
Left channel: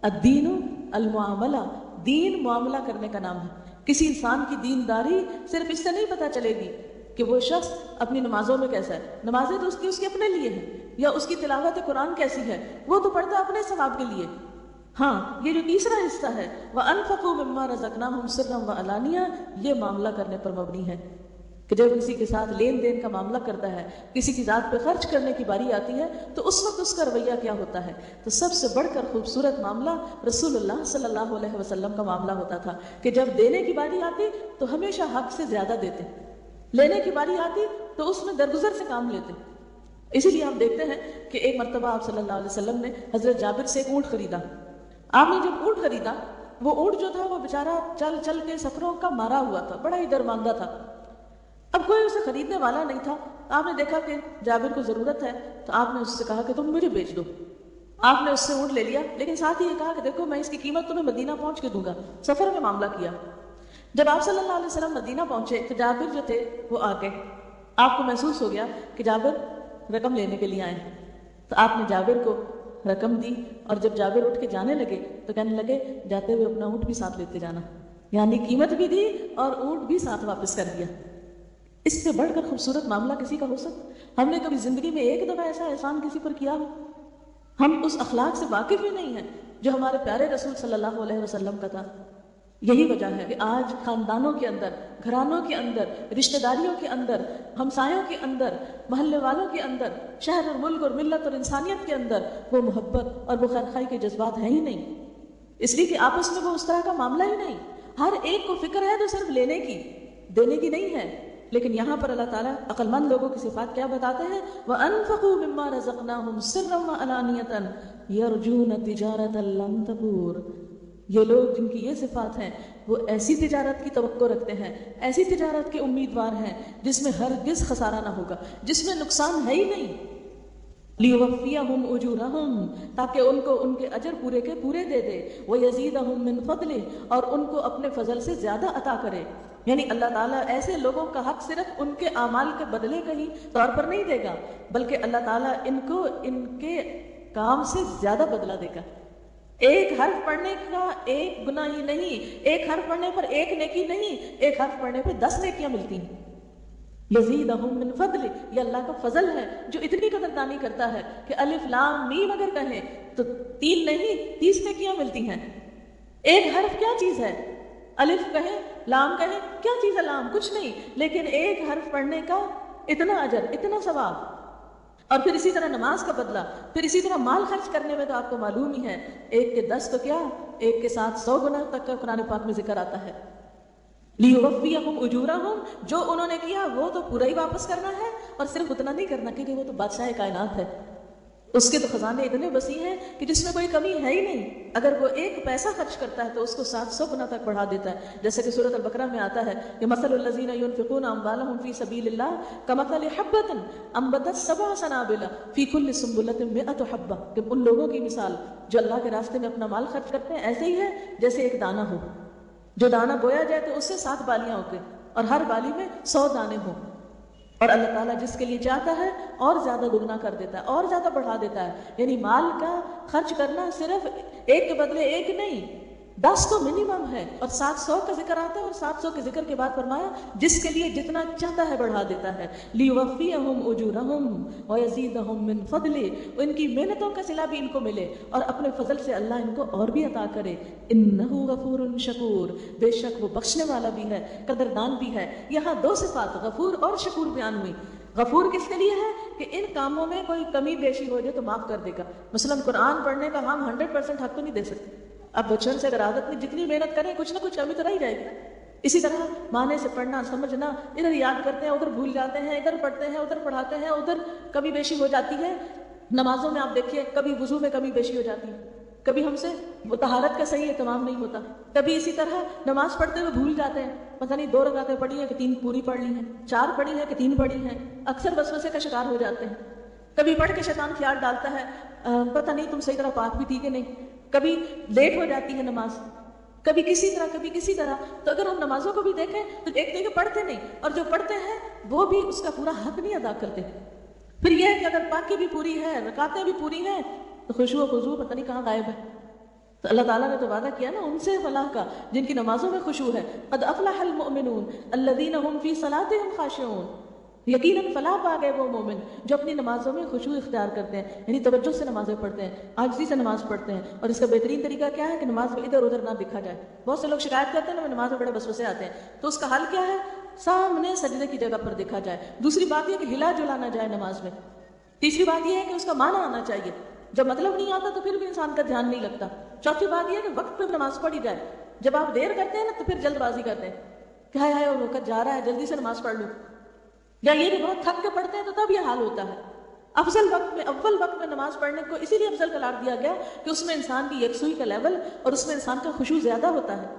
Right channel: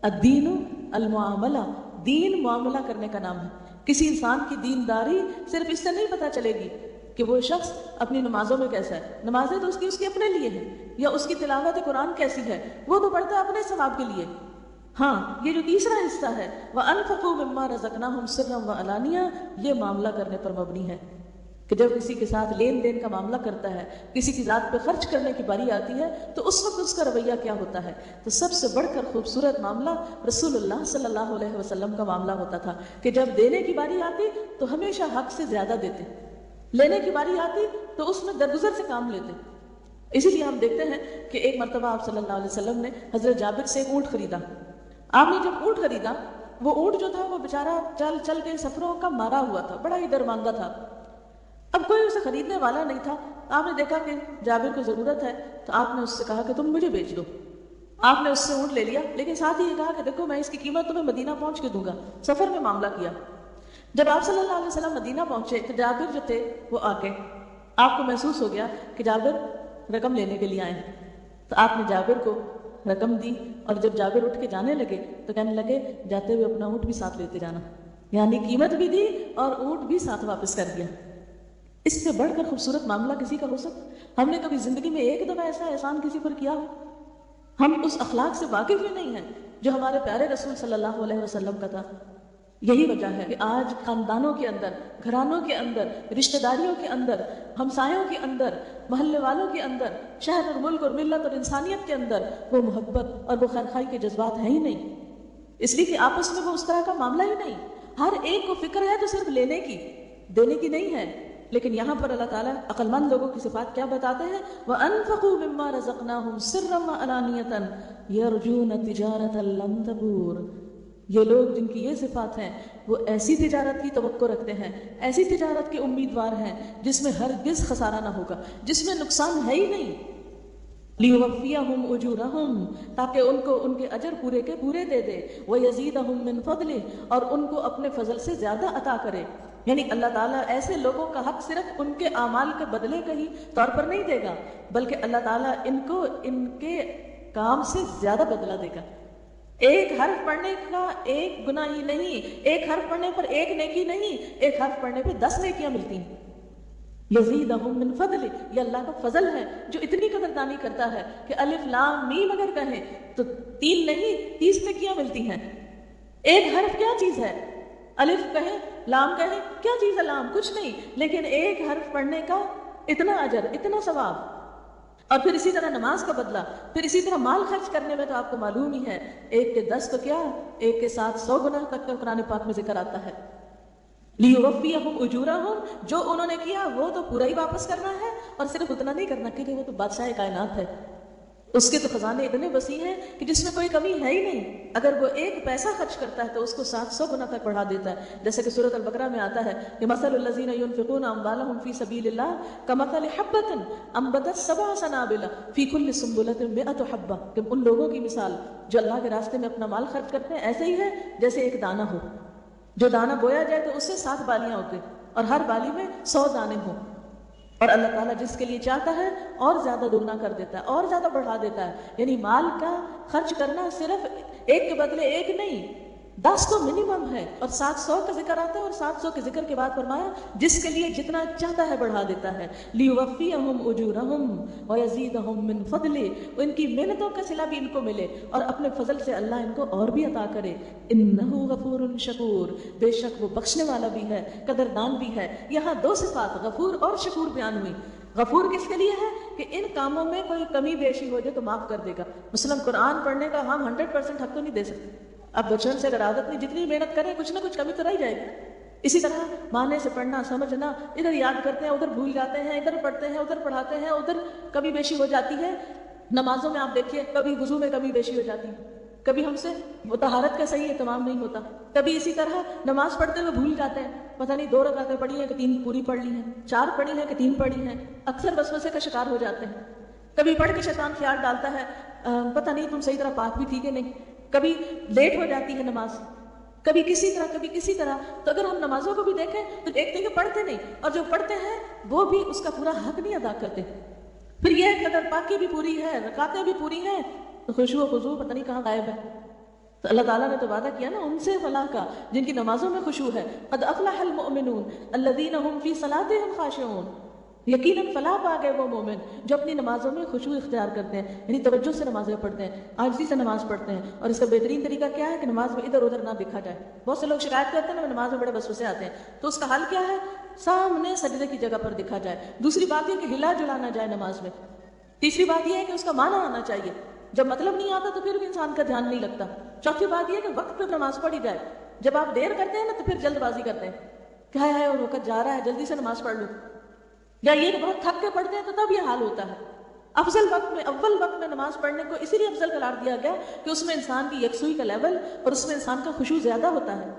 الدین المعاملہ، دین معاملہ کرنے کا نام ہے۔ کسی انسان کی دینداری صرف اس سے نہیں پتہ چلے گی کہ وہ شخص اپنی نمازوں میں کیسا ہے، نمازیں تو اس کی اپنے لیے ہیں، یا اس کی تلاوت قرآن کیسی ہے وہ تو پڑھتا ہے اپنے ثواب کے لیے۔ ہاں، یہ جو تیسرا حصہ ہے وَأَنفِقُوا مِمَّا رَزَقْنَاهُمْ سِرًّا وَعَلَانِيَةً، یہ معاملہ کرنے پر مبنی ہے کہ جب کسی کے ساتھ لین دین کا معاملہ کرتا ہے، کسی کی ذات پہ خرچ کرنے کی باری آتی ہے تو اس وقت اس کا رویہ کیا ہوتا ہے۔ تو سب سے بڑھ کر خوبصورت معاملہ رسول اللہ صلی اللہ علیہ وسلم کا معاملہ ہوتا تھا کہ جب دینے کی باری آتی تو ہمیشہ حق سے زیادہ دیتے، لینے کی باری آتی تو اس میں درگزر سے کام لیتے۔ اس لیے ہم دیکھتے ہیں کہ ایک مرتبہ آپ صلی اللہ علیہ وسلم نے حضرت جابر سے اونٹ خریدا۔ آپ نے جب اونٹ خریدا، وہ اونٹ جو تھا وہ بیچارہ چل چل کے سفروں کا مارا ہوا تھا، بڑا ہی درماندہ تھا، اب کوئی اسے خریدنے والا نہیں تھا۔ آپ نے دیکھا کہ جابر کو ضرورت ہے تو آپ نے اس سے کہا کہ تم مجھے بیچ دو۔ آپ نے اس سے اونٹ لے لیا، لیکن ساتھ ہی یہ کہا کہ دیکھو میں اس کی قیمت تمہیں مدینہ پہنچ کے دوں گا، سفر میں معاملہ کیا۔ جب آپ صلی اللہ علیہ وسلم مدینہ پہنچے تو جابر جو تھے وہ آگے، آپ کو محسوس ہو گیا کہ جابر رقم لینے کے لیے آئے، تو آپ نے جابر کو رقم دی، اور جب جابر اٹھ کے جانے لگے تو کہنے لگے جاتے ہوئے اپنا اونٹ بھی ساتھ لیتے جانا، یعنی قیمت بھی دی اور اونٹ بھی ساتھ واپس کر دیا۔ اس سے بڑھ کر خوبصورت معاملہ کسی کا ہو سکتا؟ ہم نے کبھی زندگی میں ایک دفعہ ایسا احسان کسی پر کیا ہو؟ ہم اس اخلاق سے واقف ہی نہیں ہیں جو ہمارے پیارے رسول صلی اللہ علیہ وسلم کا تھا۔ یہی وجہ ہے کہ آج خاندانوں کے اندر، گھرانوں کے اندر، رشتہ داریوں کے اندر، ہمسایوں کے اندر، محلے والوں کے اندر، شہر اور ملک اور ملت اور انسانیت کے اندر وہ محبت اور وہ خیرخواہی کے جذبات ہیں ہی نہیں، اس لیے کہ آپس میں وہ اس طرح کا معاملہ ہی نہیں. ہر ایک کو فکر ہے تو صرف لینے کی، دینے کی نہیں ہے. لیکن یہاں پر اللہ تعالیٰ عقل مند لوگوں کی صفات کیا بتاتے ہیں؟ وَأَنفِقُوا مِمَّا رَزَقْنَاهُمْ سِرًّا وَعَلَانِيَةً يَرْجُونَ تِجَارَةً لَّن تَبُورَ. یہ لوگ جن کی یہ صفات ہے وہ ایسی تجارت کی توقع رکھتے ہیں، ایسی تجارت کے امیدوار ہیں جس میں ہرگز خسارہ نہ ہوگا، جس میں نقصان ہے ہی نہیں. لِيُوَفِّيَهُمْ أُجُورَهُمْ، تاکہ ان کو ان کے اجر پورے کے پورے دے دے. وَيَزِيدَهُمْ مِنْ فَضْلِهِ، اور ان کو اپنے فضل سے زیادہ عطا کرے. یعنی اللہ تعالیٰ ایسے لوگوں کا حق صرف ان کے اعمال کے بدلے کے ہی طور پر نہیں دے گا، بلکہ اللہ تعالیٰ ان کو ان کے کام سے زیادہ بدلہ دے گا. ایک حرف پڑھنے کا ایک گناہ ہی نہیں، ایک حرف پڑھنے پر ایک نیکی نہیں، ایک حرف پڑھنے پہ 10 نیکیاں ملتی ہیں. یزیدہم من فضل، یہ اللہ کا فضل ہے جو اتنی قدردانی کرتا ہے کہ الف لام میم اگر کہے تو 3 نہیں 30 نیکیاں ملتی ہیں. ایک حرف کیا چیز ہے؟ الف کہے، لام کہے، کیا چیز ہے لام؟ کچھ نہیں، لیکن ایک حرف پڑھنے کا اتنا اجر، اتنا ثواب. اور پھر اسی طرح نماز کا بدلہ، پھر اسی طرح مال خرچ کرنے میں تو آپ کو معلوم ہی ہے، ایک کے 10 تو کیا، ایک کے ساتھ 100 گنا تک کا قرآن پاک میں ذکر آتا ہے. لِيُوَفِّيَهُمْ أُجُورَهُمْ، جو انہوں نے کیا وہ تو پورا ہی واپس کرنا ہے، اور صرف اتنا نہیں کرنا کیونکہ وہ تو بادشاہ کائنات ہے، اس کے تو خزانے اتنے وسیع ہیں کہ جس میں کوئی کمی ہے ہی نہیں. اگر وہ ایک پیسہ خرچ کرتا ہے تو اس کو 700 گنا تک بڑھا دیتا ہے. جیسے کہ سورۃ البقرہ میں آتا ہے کہ مثل الذین ينفقون اموالهم فی سبیل اللہ کمثل حبۃ انبتت 7 سنابل فی کل سنبلۃ 100 حبۃ، کہ ان لوگوں کی مثال جو اللہ کے راستے میں اپنا مال خرچ کرتے ہیں ایسے ہی ہے جیسے ایک دانہ ہو، جو دانہ بویا جائے تو اس سے 7 بالیاں ہوتے اور ہر بالی میں 100 دانے ہوں. اور اللہ تعالیٰ جس کے لیے چاہتا ہے اور زیادہ دگنا کر دیتا ہے، اور زیادہ بڑھا دیتا ہے. یعنی مال کا خرچ کرنا صرف ایک کے بدلے ایک نہیں، 10 تو منیمم ہے، اور 700 کا ذکر آتا ہے، اور 700 کے ذکر کے بعد فرمایا جس کے لیے جتنا چاہتا ہے بڑھا دیتا ہے. لِيُوَفِّيَهُمْ أُجُورَهُمْ وَيَزِيدَهُمْ مِنْ فَضْلِهِ، ان کی محنتوں کا صلہ بھی ان کو ملے اور اپنے فضل سے اللہ ان کو اور بھی عطا کرے. إِنَّهُ غَفُورٌ شَكُورٌ، بے شک وہ بخشنے والا بھی ہے، قدردان بھی ہے. یہاں 2 صفات غفور اور شکور بیان ہوئی. غفور کس کے لیے ہے؟ کہ ان کاموں میں کوئی کمی بیشی ہو جائے تو معاف کر دے گا. مثلا قرآن پڑھنے کا ہم 100% حق تو نہیں دے سکتے. اب بچوں سے اگر عادت نہیں، جتنی محنت کریں کچھ نہ کچھ کمی تو نہیں جائے گی نا. اسی طرح معنی سے پڑھنا، سمجھنا، ادھر یاد کرتے ہیں ادھر بھول جاتے ہیں، ادھر پڑھتے ہیں ادھر پڑھاتے ہیں، ادھر کمی بیشی ہو جاتی ہے. نمازوں میں آپ دیکھیے کبھی وضو میں کمی بیشی ہو جاتی ہے، کبھی ہم سے وہ طہارت کا صحیح اہتمام نہیں ہوتا، کبھی اسی طرح نماز پڑھتے ہوئے بھول جاتے ہیں، پتہ نہیں 2 رکعتیں پڑھی ہیں کہ 3 پوری پڑھ لی ہیں، 4 پڑھی ہیں کہ 3 پڑھی ہیں. اکثر وسوسے کا شکار ہو جاتے ہیں. کبھی پڑھ کے شیطان خیال ڈالتا ہے پتہ نہیں تم صحیح طرح پاک بھی تھی کہ نہیں. کبھی لیٹ ہو جاتی ہے نماز، کبھی کسی طرح کبھی کسی طرح. تو اگر ہم نمازوں کو بھی دیکھیں تو دیکھتے ہیں کہ پڑھتے نہیں، اور جو پڑھتے ہیں وہ بھی اس کا پورا حق نہیں ادا کرتے. پھر یہ کہ اگر پاکی بھی پوری ہے، رکعتیں بھی پوری ہیں، تو خشوع و خضوع پتہ نہیں کہاں غائب ہے. تو اللہ تعالیٰ نے تو وعدہ کیا نا ان سے فلاح کا جن کی نمازوں میں خشوع ہے. قد افلح المؤمنون الذین هم فی صلاتهم خاشعون، یقیناً فلاح پا گئے وہ مومن جو اپنی نمازوں میں خشوع اختیار کرتے ہیں، یعنی توجہ سے نمازیں پڑھتے ہیں، عاجزی سے نماز پڑھتے ہیں. اور اس کا بہترین طریقہ کیا ہے کہ نماز میں ادھر ادھر نہ دیکھا جائے. بہت سے لوگ شکایت کرتے ہیں نا نماز میں بڑے وسوسے آتے ہیں، تو اس کا حل کیا ہے؟ سامنے سجدے کی جگہ پر دیکھا جائے. دوسری بات یہ کہ ہلا جلا نہ جائے نماز میں. تیسری بات یہ ہے کہ اس کا معنی آنا چاہیے، جب مطلب نہیں آتا تو پھر بھی انسان کا دھیان نہیں لگتا. چوتھی بات یہ ہے کہ وقت پہ نماز پڑھی جائے. جب آپ دیر کرتے ہیں نا تو پھر جلد بازی کرتے ہیں، کیا ہے اور وقت جا رہا ہے جلدی سے نماز پڑھ لوں، یا یہ بہت تھک کے پڑھتے ہیں تو تب یہ حال ہوتا ہے. افضل وقت میں اول وقت میں نماز پڑھنے کو اسی لیے افضل قرار دیا گیا کہ اس میں انسان کی یکسوئی کا لیول اور اس میں انسان کا خشوع زیادہ ہوتا ہے.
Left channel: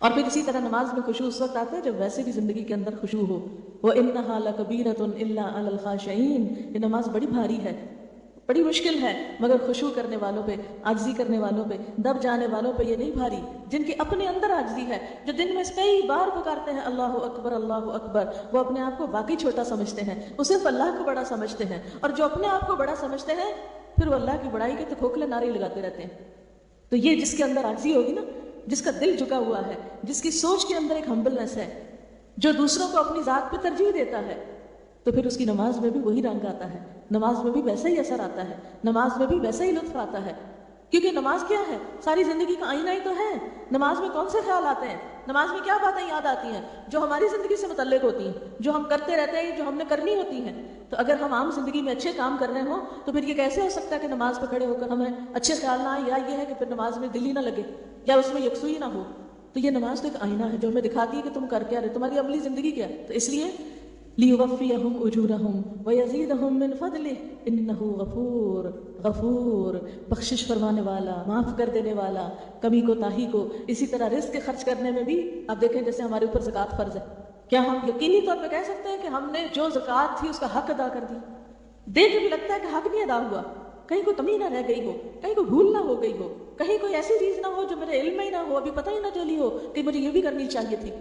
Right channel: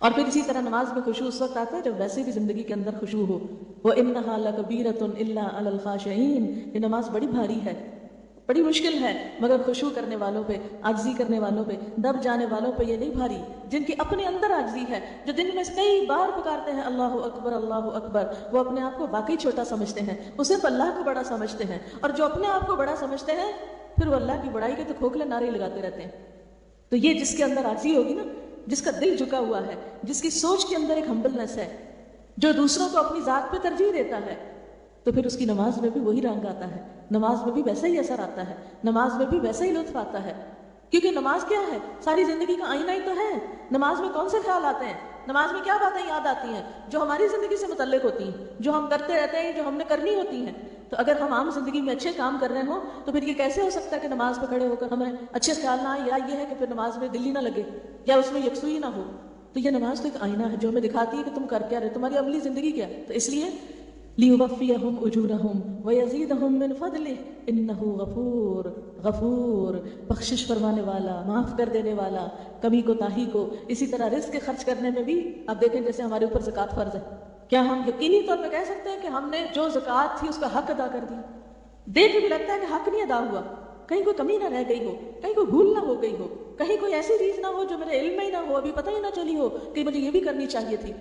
اور پھر اسی طرح نماز میں خشوع اس وقت آتا ہے جب ویسے بھی زندگی کے اندر خشوع ہو. وَإِنَّهَا لَكَبِيرَةٌ إِلَّا عَلَى الْخَاشِعِينَ، یہ نماز بڑی بھاری ہے، بڑی مشکل ہے، مگر خشوع کرنے والوں پہ، عاجزی کرنے والوں پہ، دب جانے والوں پہ یہ نہیں بھاری. جن کی اپنے اندر عاجزی ہے، جو دن میں کئی بار پکارتے ہیں اللہ اکبر اللہ اکبر، وہ اپنے آپ کو باقی چھوٹا سمجھتے ہیں، وہ صرف اللہ کو بڑا سمجھتے ہیں. اور جو اپنے آپ کو بڑا سمجھتے ہیں پھر وہ اللہ کی بڑائی کے تو کھوکھلے نعرے لگاتے رہتے ہیں. تو یہ جس کے اندر عاجزی ہوگی نا، جس کا دل جھکا ہوا ہے، جس کی سوچ کے اندر ایک ہمبلنس ہے، جو دوسروں کو اپنی ذات پہ ترجیح دیتا ہے، تو پھر اس کی نماز میں بھی وہی رنگ آتا ہے، نماز میں بھی ویسا ہی اثر آتا ہے، نماز میں بھی ویسا ہی لطف آتا ہے. کیونکہ نماز کیا ہے؟ ساری زندگی کا آئینہ ہی تو ہے. نماز میں کون سے خیال آتے ہیں؟ نماز میں کیا باتیں یاد آتی ہیں جو ہماری زندگی سے متعلق ہوتی ہیں، جو ہم کرتے رہتے ہیں، جو ہم نے کرنی ہوتی ہیں. تو اگر ہم عام زندگی میں اچھے کام کر رہے ہوں تو پھر یہ کیسے ہو سکتا ہے کہ نماز پہ کھڑے ہو کر ہمیں اچھے خیال نہ آئے، یا یہ ہے کہ پھر نماز میں دل ہی نہ لگے یا اس میں یکسوئی نہ ہو. تو یہ نماز تو ایک آئینہ ہے جو ہمیں دکھاتی ہے کہ تم کر کیا رہے، تمہاری عملی زندگی کیا ہے. تو اس لیے لِيُوَفِّيَهُمْ أُجُورَهُمْ وَيَزِيدَهُمْ مِنْ فَضْلِهِ إِنَّهُ غَفُورٌ بخشش فرمانے والا، معاف کر دینے والا، کمی کو تاہی کو. اسی طرح رزق خرچ کرنے میں بھی اب دیکھیں جیسے ہمارے اوپر زکوٰۃ فرض ہے، کیا ہم یقینی طور پہ کہہ سکتے ہیں کہ ہم نے جو زکوٰۃ تھی اس کا حق ادا کر دیا؟ دیکھ کے بھی لگتا ہے کہ حق نہیں ادا ہوا، کہیں کوئی کمی نہ رہ گئی ہو، کہیں کوئی بھول نہ ہو گئی ہو، کہیں کوئی ایسی چیز نہ ہو جو میرے علم میں ہی نہ ہو، ابھی پتہ ہی نہ چلی ہو کہ مجھے یہ بھی کرنی چاہیے تھی.